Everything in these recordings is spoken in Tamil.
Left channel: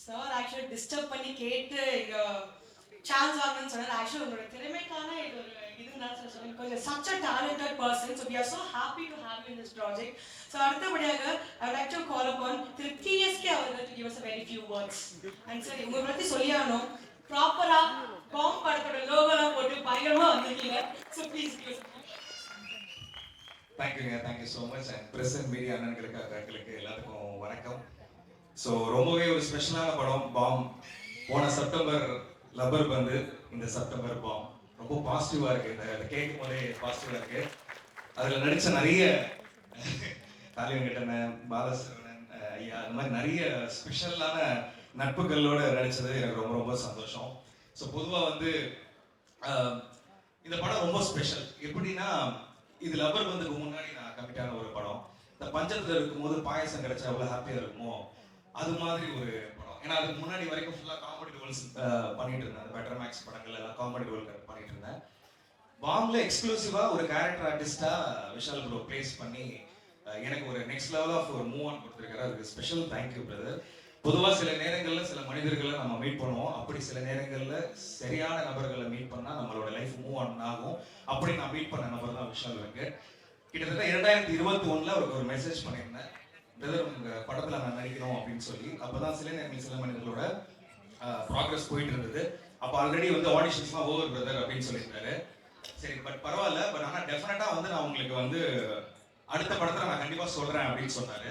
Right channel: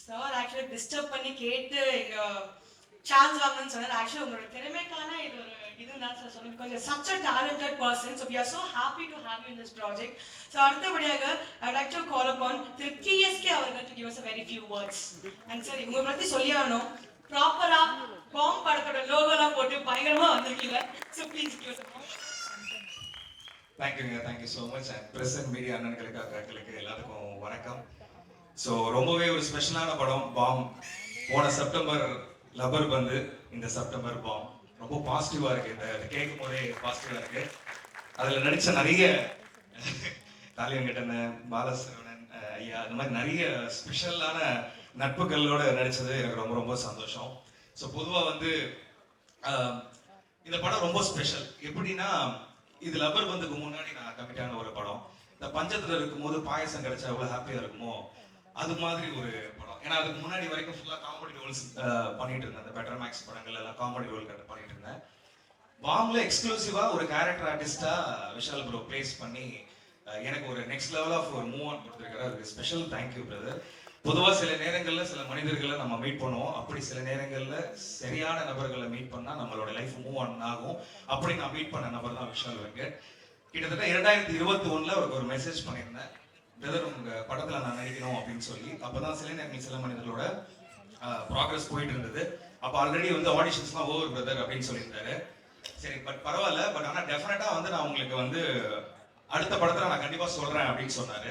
சார் ஆக்சுவலி டிஸ்டர்ப் பண்ணி கேட்டு சான்ஸ் வாங்கணும்னு சொன்னார். ஆக்சுவலி உங்களோட திறமைக்கான இது ஒரு நான் சொல்லி கொஞ்சம் such a talented person so we are so happy to have you in this project so அடுத்தபடியாக I like to call upon Thiru TSK அவர்கள் to give us very few words and சரி உங்களை பற்றி சொல்லி ப்ராப்பரா காம் படத்தோட லோகோலாம் போட்டு பயங்கரமா வந்திருக்கீங்க. ஸோ ப்ளீஸ் கிவ் தேங்க்யூங்க thank you so much and press and media அண்ணன்களுக்கு வணக்கம். ஸோ ரொம்பவே ஒரு ஸ்பெஷலான படம் பாம் போன செப்டம்பர் லப்பர் பந்து இந்த செப்டம்பர் பாம் ரொம்ப பாசிட்டிவாக இருக்கு. இந்த இதை கேட்கும் போதே பாசிட்டிவாக இருக்கு. அதில் நடித்த நிறைய காளியன் கிட்டன பாலசரவணன் ஐயா அந்த மாதிரி நிறைய ஸ்பெஷலான நட்புகளோட நடித்தது எனக்கு ரொம்ப ரொம்ப சந்தோஷம். ஸோ பொதுவாக வந்து இந்த படம் ரொம்ப ஸ்பெஷல் எப்படின்னா இது லப்பர் பந்துக்கு முன்னாடி நான் கமிட்டான ஒரு படம். இந்த பஞ்சத்தில் இருக்கும்போது பாயசம் கிடைச்சா எவ்வளோ ஹாப்பியாக இருக்குமோ? அது மாதிரி ஒரு படம். ஏன்னா அதுக்கு முன்னாடி வரைக்கும் ஃபுல்லாக காமெடி ரோல்ஸ் பண்ணிட்டு இருந்தேன். அந்த பெட்டர் மேக்ஸ் படங்கள் எல்லாம் காமெடி ரோல் பண்ணிட்டு இருந்தேன். பாம்ல எக்ஸ்க்ளூசிவா ஒரு கேரக்டர் ஆர்டிஸ்டா விஷால் ப்ரோ பிளேஸ் பண்ணி எனக்கு ஒரு நெக்ஸ்ட் லெவல் ஆஃப் ஒரு மூவ் ஆன் கொடுத்துருக்காரு. அதுக்கு ஸ்பெஷல் தேங்க்யூ பிரதர் பொதுவாக சில நேரங்களில் சில மனிதர்களை நம்ம மீட் பண்ணுவோம். அப்படி சில நேரங்களில் சரியான நபர்களை மீட் பண்ணால் நம்மளோட லைஃப் மூவ் ஆன் ஆகும். அப்படி நான் மீட் பண்ண நபர் தான் விஷால் வெங்கட். கிட்டத்தட்ட இரண்டாயிரத்தி இருபத்தி ஒன்றில் அவருக்கு ஒரு மெசேஜ் பண்ணியிருந்தேன். பிரதர் உங்க படத்துல நான் நடிக்கணும் அப்படின்னு சொல்லி அப்பதான் சில நேரங்கள் சில மனிதர்களோட ப்ராக்ரஸ் போயிட்டு இருந்தது. அப்ப ஆல்ரெடி வந்து ஆடிஷன்ஸ்லாம் ஓவர் பிரதர் அப்படின்னு சொல்லியிருந்தாரு. சரி பட் பரவாயில்ல பட் ஆனா டெஃபினட்டா வந்து நான் உங்களுக்கு வந்து அடுத்த படத்துல நான் கண்டிப்பா சொல்றேன் அப்படின்னு சொன்னாரு.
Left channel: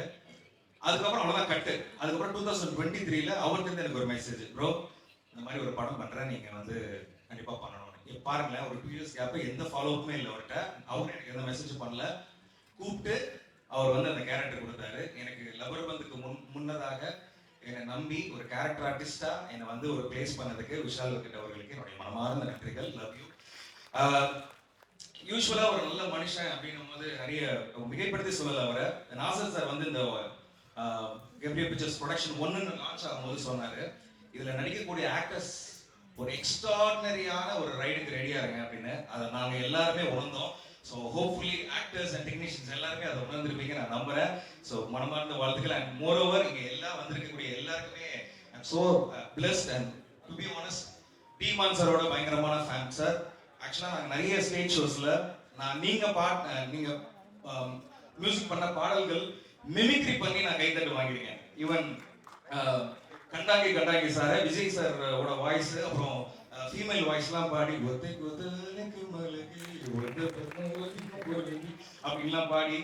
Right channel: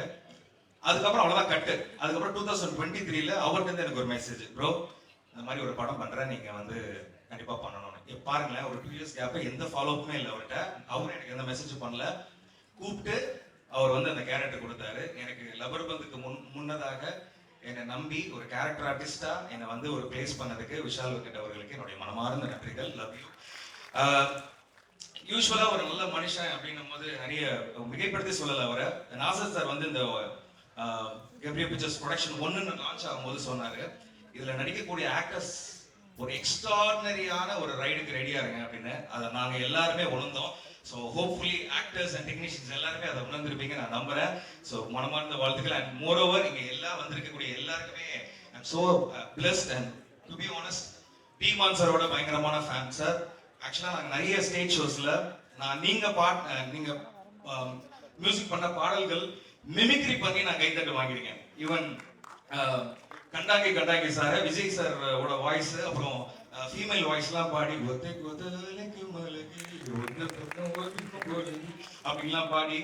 அதுக்கப்புறம் அவ்வளவுதான் கட்டு அதுக்கப்புறம் டூ தௌசண்ட் டுவெண்ட்டி த்ரீல அவர்கிட்ட இருந்து எனக்கு ஒரு மெசேஜ் ப்ரோ இந்த மாதிரி ஒரு படம் பண்றேன் நீங்க வந்து கண்டிப்பா பண்ணணும்னு இப்ப பாருங்களேன் ஒரு டூ இயர்ஸ் கேப் எந்த ஃபாலோ அப்புமே இல்லை அவர்கிட்ட. அவரும் எனக்கு எந்த மெசேஜ் பண்ணல. கூப்பிட்டு அவர் வந்து அந்த கேரக்டர் கொடுத்தாரு. எனக்கு லவர் பந்துக்கு முன் முன்னதாக என்னை நம்பி ஒரு கேரக்டர் ஆர்டிஸ்டா என்னை வந்து ஒரு பிளேஸ் பண்ணதுக்கு விஷால் வெங்கட் அவர்களுக்கு என்னுடைய மனமார்ந்த நன்றிகள். லவ் யூ யூஸ்வலா ஒரு நல்ல மனுஷன் அப்படின்னும் போது நிறைய மிகைப்படுத்தி சொல்லல அவரை. நாசர் சார் வந்து இந்த கெப்ரியல் பிக்சர்ஸ் ப்ரொடக்ஷன் ஒன்னு லான்ச் ஆகும்போது சொன்னாரு. இதுல நடிக்கக்கூடிய ஆக்டர்ஸ் ஒரு எக்ஸ்ட்ராடினரியான ஒரு ரைடுக்கு ரெடியா இருங்க அப்படின்னு. அதை நாங்க எல்லாருமே உணர்ந்தோம். So hopefully actors and technicians எல்லாருமே அதை உணர்ந்திருப்பீங்க. நான் நம்புறேன். ஸோ மனமார்ந்த வாழ்த்துக்கள். அண்ட் மோர் ஓவர் இங்கே எல்லாம் வந்திருக்கக்கூடிய எல்லாருக்குமே I'm so blessed and to be honest Bhiman சாரோட பயங்கரமான ஃபேன் சார் ஆக்சுவலாக நாங்கள் நிறைய ஸ்டேஜ் ஷோஸில் நான் நீங்கள் பாட் நீங்கள் மியூசிக் பண்ண பாடல்கள் மிமிக்ரி பண்ணி நான் கைத்தட்டு வாங்கியிருக்கேன். ஈவன் கண்டாங்கி கண்டாங்கி சார் விஜய் சார் ஓட வாய்ஸ் அப்புறம் ஃபீமேல் வாய்ஸ்லாம் பாடி ஒத்தை கொத்தலுக்கு அப்படின்லாம் பாடி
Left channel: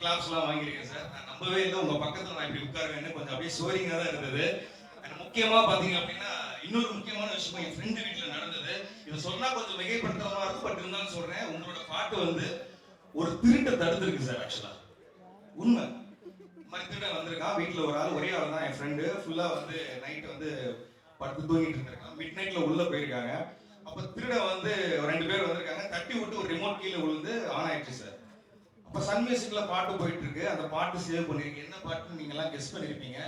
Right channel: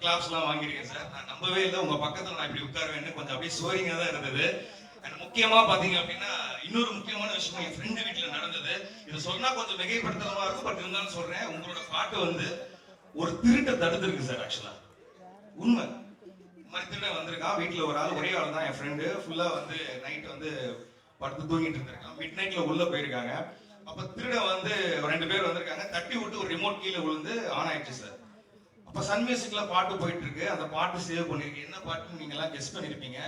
கிளாப்ஸ்லாம் வாங்கியிருக்கேன் சார். நான் நம்பவே இல்லை. உங்க பக்கத்துல நான் இப்படி உட்காருவேன்னு கொஞ்சம் அப்படியே சோரிங்கா தான் இருந்தது. அண்ட் முக்கியமா பாத்தீங்க அப்படின்னா இன்னொரு முக்கியமான விஷயம் என் ஃப்ரெண்டு வீட்டில் நடந்தது. இதை சொன்னா கொஞ்சம் மிகைப்படுத்துறதா இருக்கும் பட் இருந்தாலும் சொல்றேன் உங்களோட பாட்டு வந்து ஒரு திருட்டை தடுத்துருக்கு சார் ஆக்சுவலா உண்மை. இந்த மாதிரி திருடன் வந்திருக்கான் வீட்ல ஒரு ஆள் ஒரே ஆள் தான் என் ஃப்ரெண்டு ஃபுல்லா வந்து நைட் வந்து படுத்து தூங்கிட்டு இருந்திருக்கான். மிட் நைட்ல உள்ள போயிருக்காங்க. அப்ப திருடன் வந்து ரெண்டு பேர் வந்திருக்காங்க. தட்டி விட்டு ஒரு ரிமோட் கீழே விழுந்து ஆன் ஆயிடுச்சு சார். அப்ப சன் மியூசிக்ல பாட்டு போயிட்டு இருக்கு அந்த பாட்டு சேவ் பண்ணிருக்கு என்ன பாட்டுன்னு நீங்க எல்லாம் கெஸ் பண்ணிருப்பீங்க.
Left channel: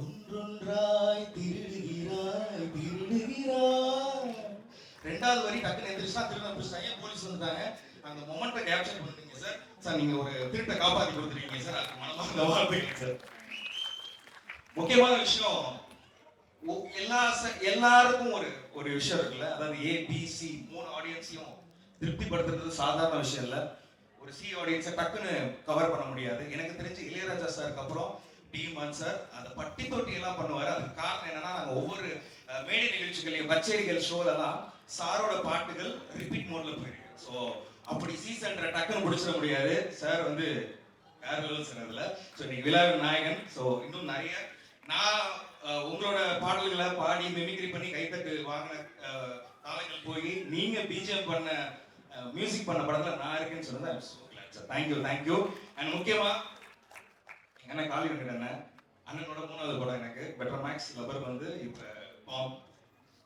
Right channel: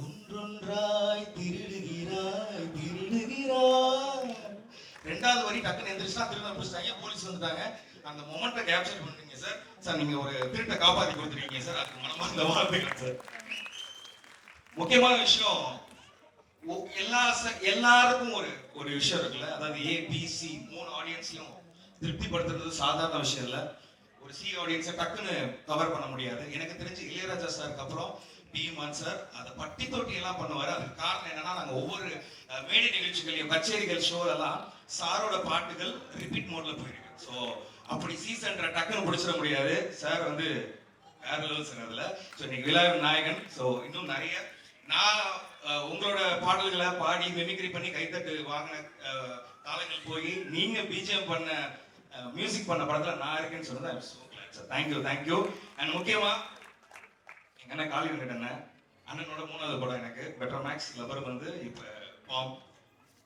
ஒன்றொன்றாய் திருடுகிறாய் திருடுகிறாய். ரெண்டாவது வரி டக்குன்னு எந்திரிச்சா திரும்ப பிடிச்சாங்க போலீஸ் வந்துட்டாங்க. அந்த மொமெண்ட்டை கேப்சர் பண்ணிட்டீங்க சார். சார் நீங்க ஒரு திருட்டை காப்பாத்தி கொடுத்துருக்கீங்க சார். அதுக்கு மனமார்ந்த வாழ்த்துக்கள் சார். முக்கியமான விஷயம் எல்லா எல்லாருக்கும் ஒரு ஒரு விஷயம் இருக்குல்ல. அதாவது ஏ பி சி மூணு ஆடியன்ஸையும் திருப்திப்படுத்துறது சாதாரண விஷயம் இல்லை. ஒரு சி ஆடியன்ஸை டக்குன்னு கவர் பண்ண முடியாது. எனக்கு தெரிஞ்சு இளையராஜா சாருக்கு அப்புறம் டி சார் அந்த பட்டி தொட்டி எல்லாம் பண்ணுவார். அதுக்கு காரணம் என்னன்னா நாங்கள் ஒவ்வொரு மேடை நிகழ்ச்சிகளையும் கச்சேரிகள் ஷோ எல்லாம் சாரோட பாட்டுகள் ரிப்பீட் மோட்ல போயிருக்கு. ஸோ அப்படி சீசன்ற டக்குன்னு பிடிச்சிட முடியாது. சார் வந்து வேற லெவல் அதுல ஸோ இன்னைக்கு விழாவின் நாயகன். ஸோ இன்னும் நிறைய நான் உங்களோட பாடல்களை பாடி மெமிக்ரி பண்ணி கைத்தட்டு வாங்கின காலங்கள் போய் நீங்க பிஜிஎம் பண்ண மியூசிக் பண்ண படத்துல நான் இருக்கேன்னு சொன்னது சார் தேங்க்யூ தேங்க்யூ அண்ட் முக்கியமா எங்க அண்ணன் காலி அண்ணன் அண்ணனோட மூணாவது படம் எனக்கு. பெட்டர் மேக்ஸ் லவர் வந்து இப்ப பாம்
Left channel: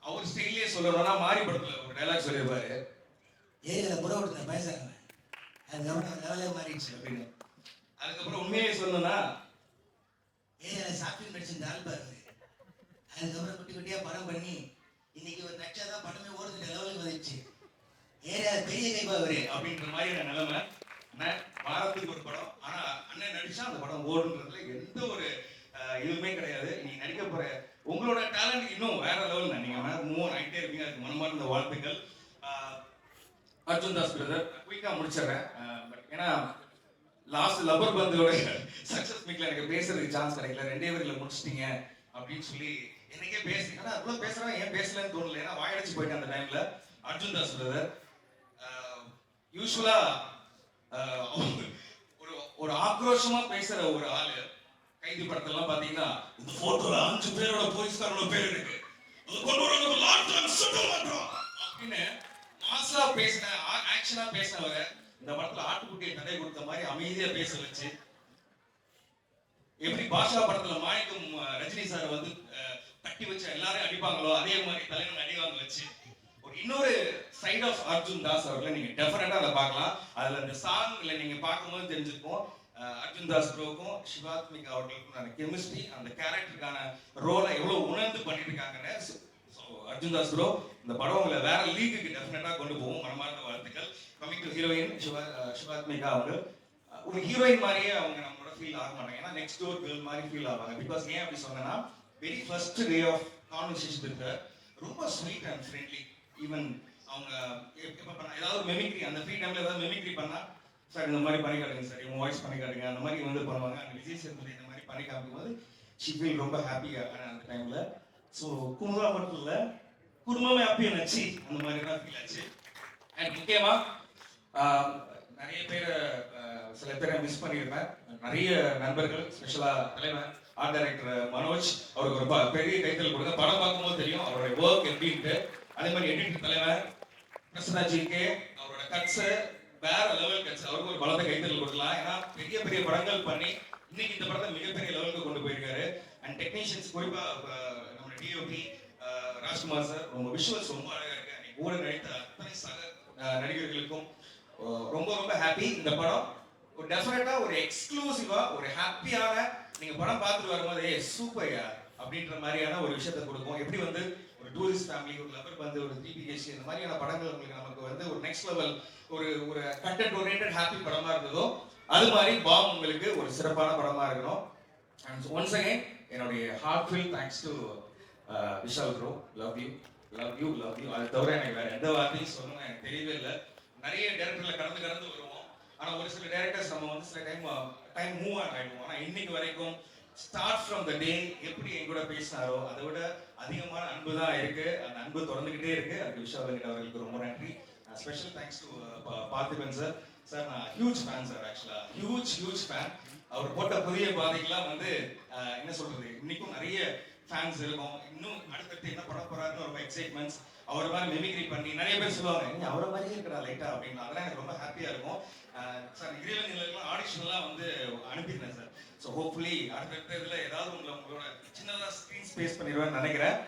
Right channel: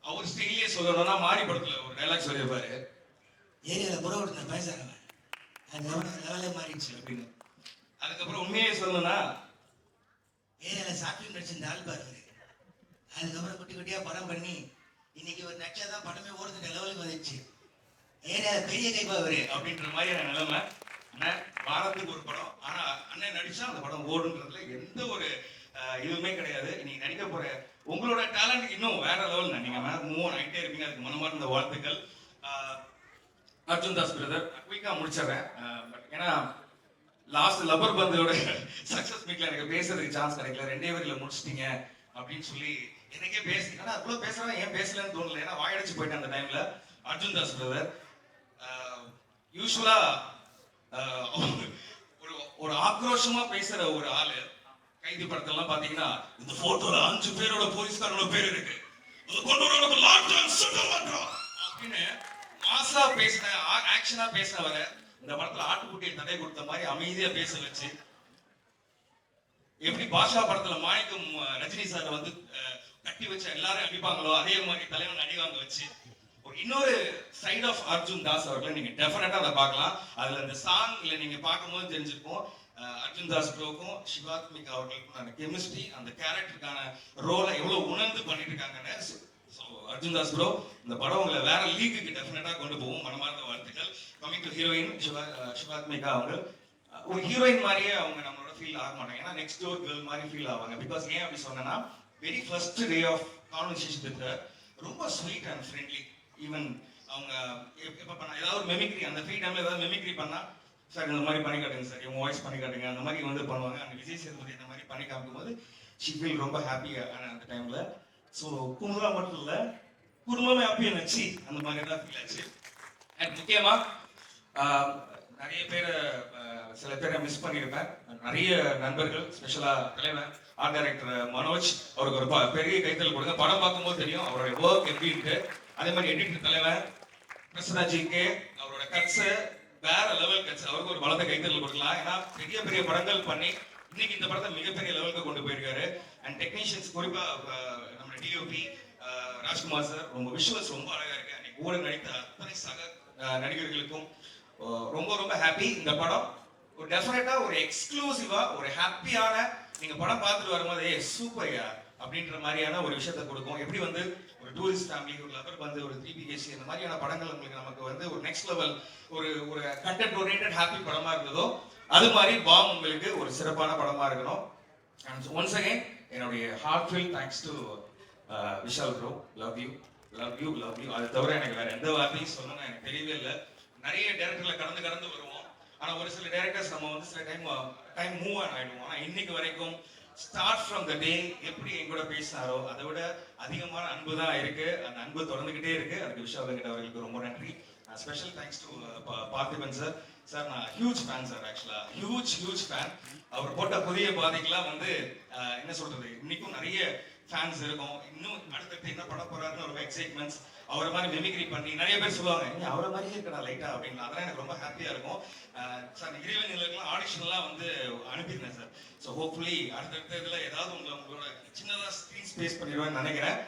அவர் ஸ்டைலே சொல்லணும்னா மாறி படத்துல ஒரு டைலாக் சொல்லியிருப்பாரு. ஏரியாவில் கூட ஒருத்தர் பேசுறாங்க அதுக்கப்புறம் லெவலே மாறிடுச்சு அப்படின்னு. அதுக்கப்புறம் உண்மையே சொல்லணும்னா ஏரியாவில் சாப்பிட்டு நடிச்சிருந்த ஆள் பாரு. அதுக்கப்புறம் குட்டி குட்டியாக படம் பண்ணி இன்னைக்கு ஒரு நக்ஷா தான் படமே ஓடுது லெவலுக்கு வந்துச்சு ஏன்னா பெரிய கைப்பாவரு அப்படின்ற மாதிரி நிலைமை. வாரத்துக்கு ஒரு படம். ஆனால் அண்ணன் நடிச்சா அந்த படம் ஓடுன்றதுல எந்த ஒரு இதுவுமே கிடையாது. நீங்கள் நடிக்க போகிற உங்களோட டேலண்ட் இன்னும் வேற லெவல் தான். நீங்கள் மேலே மூவ் ஆகிட்டே இருக்கீங்க அதுக்கு மனமார்ந்த வாழ்த்துக்கள். அர்ஜுன் தாஸ் பிரதர் குயிக்காக முடிச்சிடறேன். பட் ஏன்னா லாஸ்ட் லப்பர் பந்தோட சக்ஸஸ் மீட்ல எனக்கு பேசுறதுக்கு சான்ஸ் கிடைக்கல. ரெண்டே வரையில் முடிச்சிட்டீங்க அப்படின்னு சொல்லி என்னைக்கே பேசி ஆனா அவ்வளவு பேசுறவன் ஏன் பேசலன்னு தோணல. ஏன்னா வாயடைச்சு போயிட்டேன் அந்த டைம்ல அர்ஜுன் தாஸ் பிரதர் யூஸ்வலா ஒரு ஒரு ஆக்ரோஷமா பேசுற ஒரு ஆளு. கைதி படத்தெல்லாம் பாத்தீங்கன்னா இந்த போட்டோல அஞ்சு பேரோட போலீஸ்காரோட பேர் இருக்கு. இந்த போட்டோல நம்ம லாக்டவுன் மாட்டோம் அப்படின்னு மாசா பேசின ஆக்ஷனா பேசினவரை இந்த படத்துல ஆட்டுக்குட்டியை தடை கொடுத்த மாதிரி அமைதியா பேச வச்சு எப்படி பாஷா படத்துல மாணிக்கம் ரஜினி சார் வந்து தட்டி வச்சு எல்லாரும் அடிப்பாங்களோ அதே மாதிரி தலைவன் அடிவாங்க வச்சு. ஒரு இன்னொரு சைட் ஆஃப் அர்ஜுன் தாஸ் அவர்களை நீங்க டெஃபினட்டா அதை பார்க்கலாம். அதுல அந்த சாங்ல நீங்க பார்க்கும்போது தெரிஞ்சுப்போம். அர்ஜுன் தாஸ் ப்ரோக்கும் சிவாத்மிக் அவர்களுக்கும் கெமிஸ்ட்ரி அந்த கேரக்டருக்கான ரோலை எவ்வளவு உணர்ந்து பண்ணிட்டு இருக்காங்கன்னு அர்ஜுன் தாஸ் ப்ரோ இந்த படம் உங்களை வேற லீக்குக்கு டெஃபினட்டா கொண்டு போகும். மனமார்ந்த வாழ்த்துக்கள். கமிங் ஹீரோயின் சிவா சிவாத்மிகா அவங்க ஒரு ஹீரோயின் மாதிரியே அவங்க நம்மளோட ஃபீல் ஆக மாட்டாங்க. ஏன்னா நெக்ஸ்ட் டோர் கேர்ள் மாதிரி ஃபீல் ஆவாங்க. பிகாஸ் ஏன் அப்படி சொன்னேன்னா very first day of conversation with ரொம்ப ஸ்வீட் அண்ட் ஃப்ரெண்ட்லி ஈவன் அவங்க எப்போ பண்ண ஏதாவது ஒரு மெமிக்ரி அந்த ஃப்ரீ டைம்ல ஏதாவது மெமிக்ரி பண்ணா சார் இந்த மாதிரி பண்ணி காட்டுங்க சார். இவங்க வாய்ஸ் பண்ணி காட்டுங்க. அந்த மாதிரி வந்து பண்ணுவாங்க. அந்த விஜய் சேதுபதி இந்த மாதிரி பண்ணி காட்டும் போது ஷிஃபில் ரொம்ப ஹாப்பியாக அந்த டைம்ல ஸோ குமுதா மட்டும் இல்லை குடும்பமே ஹாப்பி நச்சு அந்த மாதிரி தான் ஃபீல் ஆச்சு. அண்ட் முக்கியமாக நிறைய பேர் சில பேரை மிஸ் பண்ணியிருப்பேன். நிறைய நண்பர்கள் ஸ்பெஷலா தலைவர் ஆர்ட் டைரக்டர் மனோஜ் அவருக்கு ஒரு பெரிய கைத்தல் கொடுங்க. படம் பார்க்கும்போது தெரியும் அவருடைய ஒர்க் எப்படின்ட்டு அதே மாதிரி எடிட்டர் தலைவர் கிருஷ்ணராஜிக்கு அவரோட கட்ஸ் வேற லெவல் கட்ஸ் அவருக்கு ஒரு பலத்தை கைத்தல் கொடுக்கலாம். ஏன்னா பெரிய பெரிய படங்கள் பண்ணி இன்னைக்கு இந்த படத்தை மிகப்பெரிய லெவலுக்கு கொண்டு போயிருக்காரு. அண்ட் டெக்னீஷியன்ஸ் குறிப்பா நம்ம டிஓபி ராஜ்குமார் சார் ரொம்ப விஷுவல்ஸ் ரொம்ப அழகா இருக்கு. அன்னைக்கு கூட நடித்த அத்தனை சக அஹ், நடிகர்களுக்கும் ரொம்ப ரொம்ப ஹாப்பி இந்த படம். ஒரு டெஃபினட்டா ஒரு எக்ஸ்க்ளூசிவா ஒரு ஹாப்பியான நீங்க படம் பார்த்துட்டு வரும்போது ஏ சூப்பர்யா அப்படின்ற மாதிரியான ஒரு விஷயத்த கொடுக்கும். எப்படி வந்து ஒரு டூரிஸ்ட் ஃபேமிலி ஒரு லவர் வந்து ஒரு த்ரீ பிஹெச்சி இந்த மாதிரியான படங்கள் உங்களுக்கு நமக்கு வந்து ஒரு நெக்ஸ்ட் லெவல் ஒரு ஒரு கண்டென்ட் ஓரியன்ட் ஹாப்பி படமா இருந்ததோ அது மாதிரி பாம் உங்களுக்கு ஒரு சிறப்பான படமா இருக்கணும். அண்ட் ஒன்ஸ் அகைன் என்னுடைய heartfelt thanks to Vishal bro love you love you love you அது தவிர எனக்கு வேற எந்த வார்த்தையும் சொல்லணும் எனக்கு தெரியவே இல்லை. நிறைய டேரக்டர்ல கடந்து கடந்து வருவோம். ஆனா ஒரு சில டேரக்டர்ஸ் நம்ம வந்து சில டைம் டைம் மூவ் ஆன் ஆயிடுவோம். ஆனா இன்னைக்கு வரைக்கும் ஸ்டார்ட் ஃப்ரம் த டே எப்படி என் கூட பேசினாரோ அதை விட அதிகமான அன்பு தான் இருக்கு. அந்த அன்பு தொடர்ந்துகிட்டே இருக்கு. அதுக்கு விஷாலங்கிட்ட அவர்களுக்கு ரொம்ப நன்றி. Special thanks to Parthiban sir sir நான் ஹியூஜ் ஃபேன் சார் ஆக்சுவலா ஹியூஜ் ஹியூஜ் ஃபேன் அவர் போட்ட புதிய பாதைக்கெல்லாம் வந்து என்ன சொல்றது? இன்னைக்கும் நிறைய ஃபேன்ஸ் இருக்கும். இன்னும் அடுத்தடுத்து என்ன பண்ண போறாருன்னு ரொம்ப எக்ஸைட்மெண்ட்ஸ் அவரை மாதிரி மெமிக்ரி பண்ணி நிறைய பேர் சொல்லுவாங்க நீ அவரை மாதிரியே இருக்கடா லைட்டா அப்படின்னு. அதெல்லாம் எனக்கு ரொம்ப ஹாப்பியா இருக்கும். சார் இறைவன் ஆடிஷன்லாம் வந்து அனுப்பியிருந்தேன் சார் ஸோ ஹோப்ஃபுல்லி அடுத்த இதில் ஏதாவது உங்களை உங்களோட சின்னதாக ஸ்க்ரீன் ஸ்பேஸ் பண்ணிடுவேன்னு நினைக்கிறேன்.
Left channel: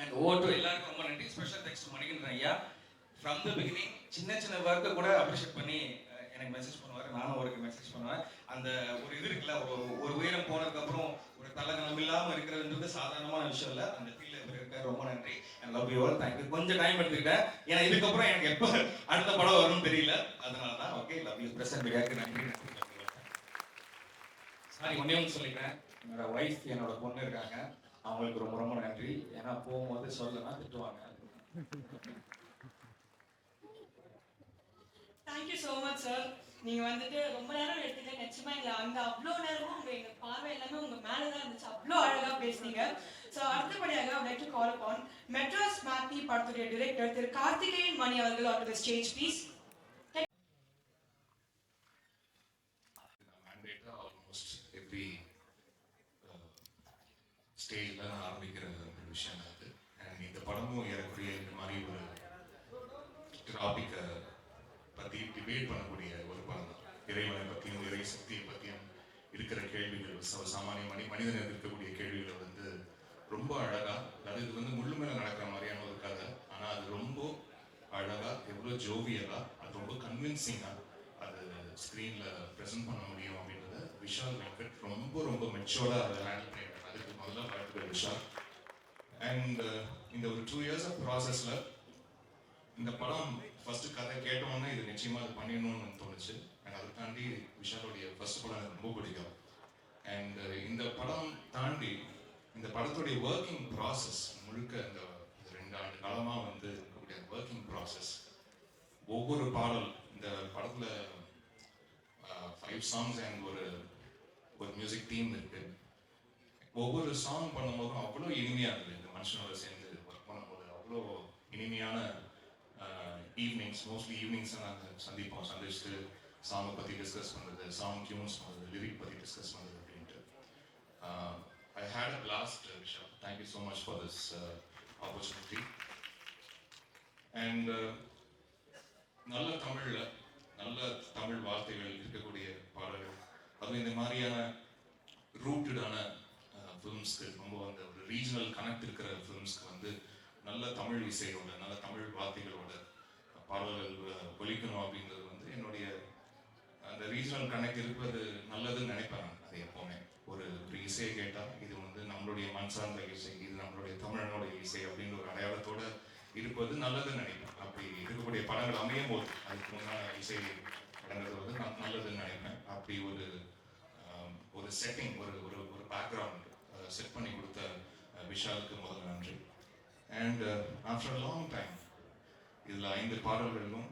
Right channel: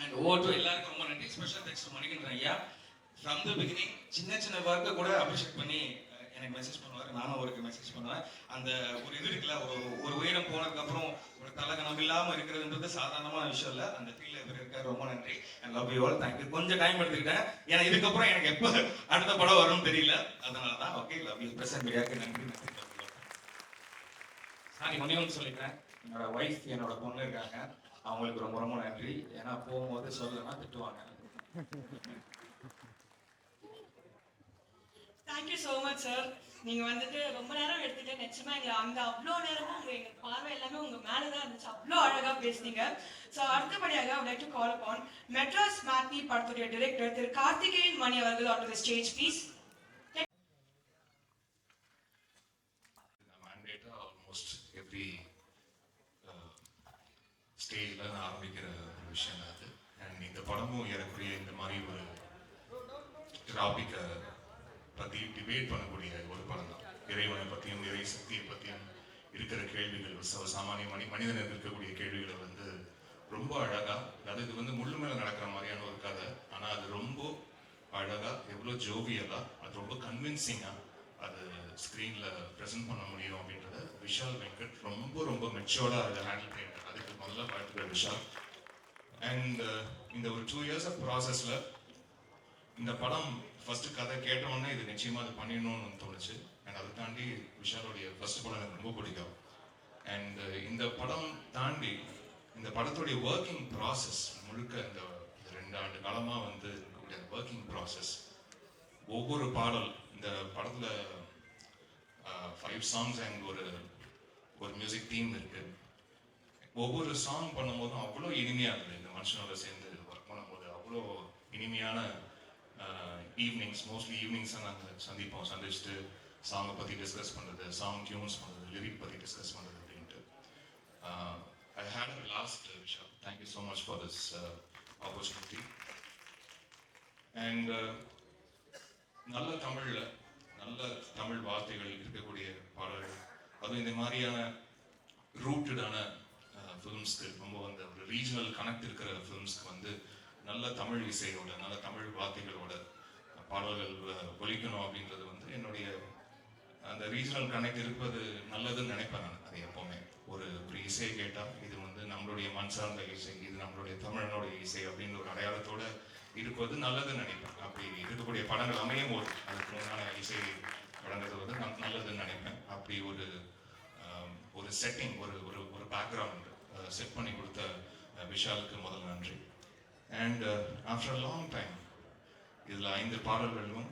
அண்ட் ஓவர் டு எல்லாருக்கும் ரொம்ப நன்றி. ஸ்பெஷல் தேங்க்ஸ் டு மணிகண்டன் ஐயா. ஃப்ரம் த பிகினிங் சின்ன சின்ன ஒர்க்கை கூட அப்ரிஷியேட் பண்ணி எனக்கு மெசேஜ் பண்ணுவார். நானும் அவருக்கு மெசேஜ் பண்ணுவேன். அந்த ஒரு இது இருக்குல்ல ஒரு ஒரு உயரம் போனதுக்கப்புறம் ஒரு தலகணம் இல்லாம இருக்கிறதுன்றது சாதாரணமான விஷயம் இல்ல. அந்த ஃபீல்ட்ல இவர் இருக்கார். ரொம்ப நன்றி. And love you all thank you கொஞ்சம் டைம் எடுத்துக்கிட்டேன். ஏன்னா இதுக்கப்புறம் எனக்கு எப்போ அடுத்த படம் வரும்னு தெரியல. அதனால தான் ஓகே லவ் யூ பிரசன் பிரியாக்கு நன்றி. நன்றி சாரி ஒன்றே ஒன்று சொல்லிட்டேன் என்னோட ஒய்ஃப் என்னோட பொண்ணு இருக்காங்க. அவங்களுக்கு ரொம்ப ரொம்ப நன்றி. ஏன்னா போகும்போது சொல்லலைன்னா திட்டுவாங்க. தேங்க்யூ ஸோ மச் சார் நீங்க வந்துட்டு ரொம்ப நேரம் எடுத்துட்டு நிச்சயமா எங்க அந்த அவ்வளோ நேரமும் உங்க எங்க பார்வை எல்லாமே உங்க மேலதான் இருந்துச்சு. அவ்வளோ அழகா பேசுனீங்க. ஸோ அடுத்தபடியாக I like to call upon Madras matinee படத்துடைய டிரெக்டர் திரு கார்த்திகேயன் மணி அவர்கள் on to the stage please almost every ஸ்டேஜில் நான் ஆரம்பிக்கிற ஒரு விஷயம் அது. அண்ட் இந்த படமும் ஏறக்குறைய இந்த மாதிரி ஒரு டாபிக்கை பற்றி டிபேட் பண்ணக்கூடிய இறைவனை பற்றியும் இறை சக்தியை பற்றியும் இருக்கிற கேள்விகள் ச- சாமானிய மனி மனிதனுக்கு இருக்கக்கூடிய கேள்விகள் வந்து ரொம்ப அழகா அதாவது இது வந்து முள்ளு மேலே நடக்கிற மாதிரியான ஒரு கதை. ஆனா அது ரொம்ப அழகா எவ்வளவு ஜோவியலா அது ரொம்ப கன்வின்சிங்கா அது ஸ்க்ரீனில் ப்ரெசென்ட் பண்ண முடியும் அப்படின்றத விஷால் வெங்கட் ரொம்ப ரொம்ப மெச்சோர்டா அதை ஹேண்டில் பண்ணிட்டார். அதுக்கு முதல்ல வாழ்த்துக்கள் விஷால். அண்ட் uh, இந்த ஒரு டூ இயர்ஸ் ஆஃப் ப்ராசஸ்ல இந்த படம் ஃபர்ஸ்ட் கதை கேட்டோன்னே இது நிச்சயமா அது பண்ணிடணும்னு தோணுச்சு. அண்ட் அதை தாண்டி விஷாலுடைய ஃபர்ஸ்ட் படம் எனக்கு ரொம்ப பிடிக்கும். அண்ட் uh, இந்த படம் தாண்டி இந்த படத்துடைய ஒர்க்கிங் ப்ராசஸ் முழுக்க இந்த ரெண்டு ஆண்டு காலமாக வந்து இருக்கக்கூடிய ஒர்க்கிங் ப்ராசஸ் ஒவ்வொரு பாடல் இந்த படத்தில் ஃபைவ் சாங்ஸ் அண்ட் ஒரு ஒரு மியூசிக் டீம் இருக்கு. ஒவ்வொரு சாங் பண்ணும்போதும் அவ்வளோ இனிமையாக இருந்தது. இந்த மனுஷனோட சேர்ந்து ஒர்க் பண்ணும்போது அவ்வளோ இனிமையான ஈவினிங்ஸ் மோஸ்ட்லி ஈவினிங்ஸ் நாங்கள் சந்திப்போம் சந்திச்சுட்டு சாங்கை பற்றி டிஸ்கஸ் பண்ணுறது சாங் டியூன்ஸ் பண்ணுறது லிரிக் பற்றி டிஸ்கஸ் பண்ணுறது அப்படின்ட்டு. I hate a last Visha thank you so much for this opportunity and நல்ல தமிழில் நல்ல தமிழ் வார்த்தைகள் இருக்கக்கூடிய பாடல்கள். அதுவும் இந்த மாதிரியான ரூட்டடான ஃபிலிம்ஸ்க்கு uh, ரொம்ப அந்த ஒரு ரீஜனல் கனெக்ட் இருக்கிற ஃபிலிம்ஸ்க்கு வந்து நல்ல தமிழ் இசையோட நல்ல தமிழ் வார்த்தைகளோட பாடல்கள் ஒழிக்கணும் அப்படின்றது வந்து என்னுடைய அந்த ரீஜனல் கனெக்ட் இருப்பது நல்லதுன்னு நினைப்பேன் நான். அது எப்பவுமே. ஒரு ஒரு இசையை கேட்டால் இது வந்து நம்மளுடைய மண் சார்ந்த இசை இது நம்மளுடைய தமிழனுடைய இசை அப்படிங்கிற ஒரு அடையாளத்தோடு இருப்பது நல்லதுன்னு நினைப்பேன். அப்படி இருக்கக்கூடிய படங்கள் அமையும் போது அதுக்கு முன்னான இசை வழங்குறது வந்து நான் நல்லதுன்னு நினைப்பேன். அப்படி ஒரு ஒரு செட்டிங் ஒரு ஒரு ஒரு பேக்ரவுண்ட் செட் பண்ணி கொடுத்த விஷாலுக்கு முதல் நன்றி. அண்ட் ஆஃப்டர் லாங் டைம் இதில் ஐந்து பாடல்களிலும்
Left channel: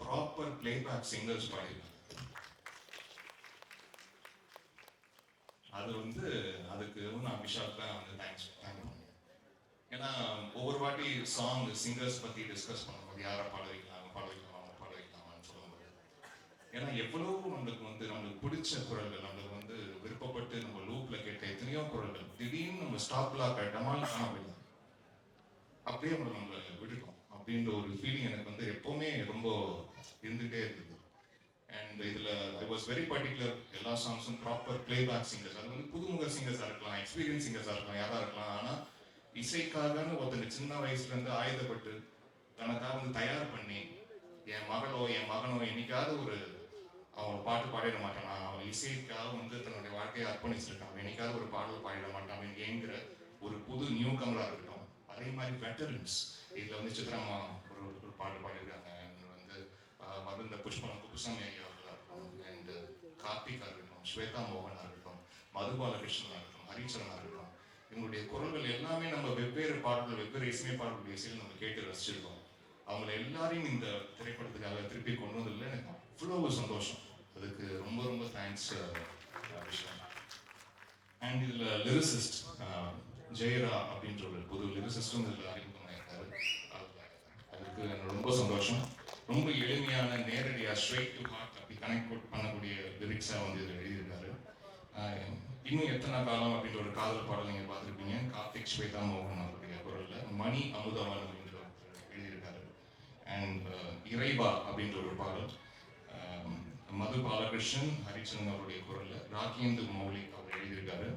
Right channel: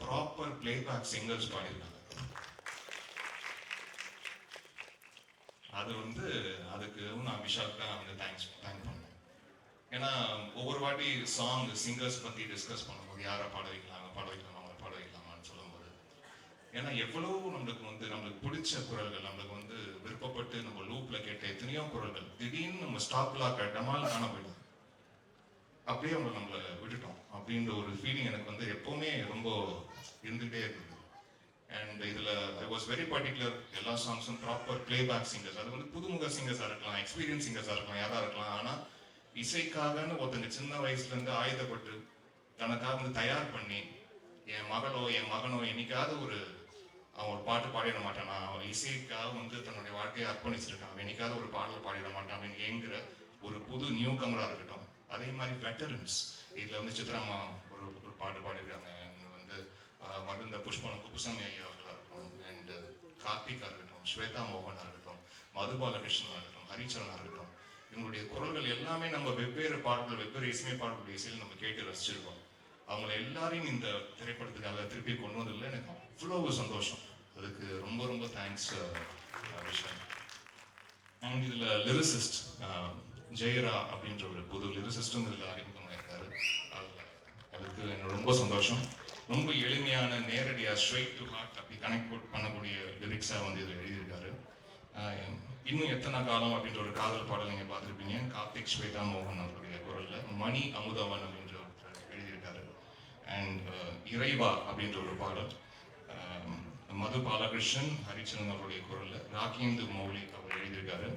ப்ராப்பர் பிளேபேக் சிங்கர்ஸ் பாடியிருக்காங்க. அது வந்து அதுக்கு நான் விஷாலுக்கு தான் வந்து தேங்க்ஸ் தேங்க் பண்ணேன். ஏன்னா ஒவ்வொரு வாட்டி சாங் சிங்கர்ஸ் பற்றி டிஸ்கஸ் பண்ணும்போது யாரை பாட வைக்கலாம் பாட வைக்கலாம் அவங்க பாட வைக்கலாமான்னு சொல்லும்போது ஏன்னா எவ்வளவு நம்மளுக்கு வந்து நம்மளுக்கு பிடிச்ச குரல்கள் நம்மளுக்கு வந்து விருப்பப்பட்டு நம்ம லூப்பில் கேட்ட எத்தனையோ குரல்கள் திடீர்னு நம்ம ஸ்டாப்ல கட்டமால காண போயிடும் அப்படியே அவங்க நம்மளை விட்டுட்டோம். அப்படின்ற ஒரு ஃபீலிங் எனக்கு வந்து எப்பவுமே ரொம்ப இருந்துகிட்டே இருந்தது. அண்ட் இதில் ஐ வாஸ் வெரி பர்டிகுலர் எல்லா சாங்ஸும் ப்ராப்பர் பிளேபேக் சிங்கர்ஸ் அது வந்து புதுமுக சிங்கர்ஸாக இருக்கலாம் எக்ஸ்பீரியன்ஸ் சிங்கர்ஸாக இருக்கலாம் யாராக இருக்கலாம். ஆனால் இசைக்காகன்னு ஒருத்தங்க சின்ன வயசுலேருந்து ஆயுதப்பட்டு தனக்காக வந்து தயார் பண்ணி என் மகளோ என் மகனோ என்னைக்காவது ஒரு அவன் ஒரு பாட்டு பாடிட மாட்டானா? அவன் இசைக்காக வந்து தன்னுடைய வாழ்க்கையை அர்ப்பணிச்சிருக்கான். என்னைக்காவது ஒரு பாடல் பாடிட மாட்டான் என்கிற ஒரு புது நியூ கமராக இருக்கட்டும். அதே மாதிரி வெட்டரன்ஸ் இதில் வந்து சித்ராமா ஒரு ஒரு பாட்டு பாடிருக்காங்க மருந்த புஷ்பம் குப்புசாமி ஐயா அவர்களா இருக்கட்டும் அண்ட் கார்த்திகா இருக்கட்டும் ஸ்வேதா மோகனாக இருக்கட்டும் மதுபாலகிருஷ்ணனா இருக்கட்டும் ஹரிச்சரனா இருக்கட்டும் இவங்களுடைய குரல்கள் எல்லாமே நம்ம வெவ்வேறு பாடல்கள் வெவ்வேறு இசை பாடல்களுடைய இசையில் நம்ம கேட்டு ரசிச்சிருக்கோம் அவங்கள எல்லாரையும் இந்த திரைப்படத்துக்காக திருப்பி கொண்டு வந்ததுல எனக்கு அவ்வளோ சந்தோஷம் அதுக்கு ரொம்ப ரொம்ப தேங்க்ஸ் விஷயம் அண்ட் இதுல லிரிசிஸ்ட் ஜெயரா அப்படின்ற ஒரு புது லிரிசிஸ்டும் இதுல அறிமுகமாயிருக்காரு அதுல அதுக்கு எனக்கு ரொம்ப சந்தோஷம் ரொம்ப எளிமையான நேரடியாக ஸ்ட்ரைட் டு ஹார்ட் அப்படி கனெக்ட் பண்ணக்கூடிய லிரிக்ஸாக வந்து இதில் எழுதியிருக்காரு. இன்னும் எத்தனை காலம் அப்படின்ற ஒரு காதல் பாடல் நீங்கள் பார்த்துருப்பீங்க. கார்த்திக் ஸ்வேதா மோகன் அவருடைய குரலில் மணி அமுதவன் அப்படின்ற ஒருத்தர் எழுதியிருக்காரு. அண்ட் இறைவா அப்படின்ற ஒரு பாடல். மது பாலகிருஷ்ணன் ஹரிச்சந்திரன் அவருடைய குரலில் ராகேந்து மௌலி அவர் எழுதியிருக்காரு.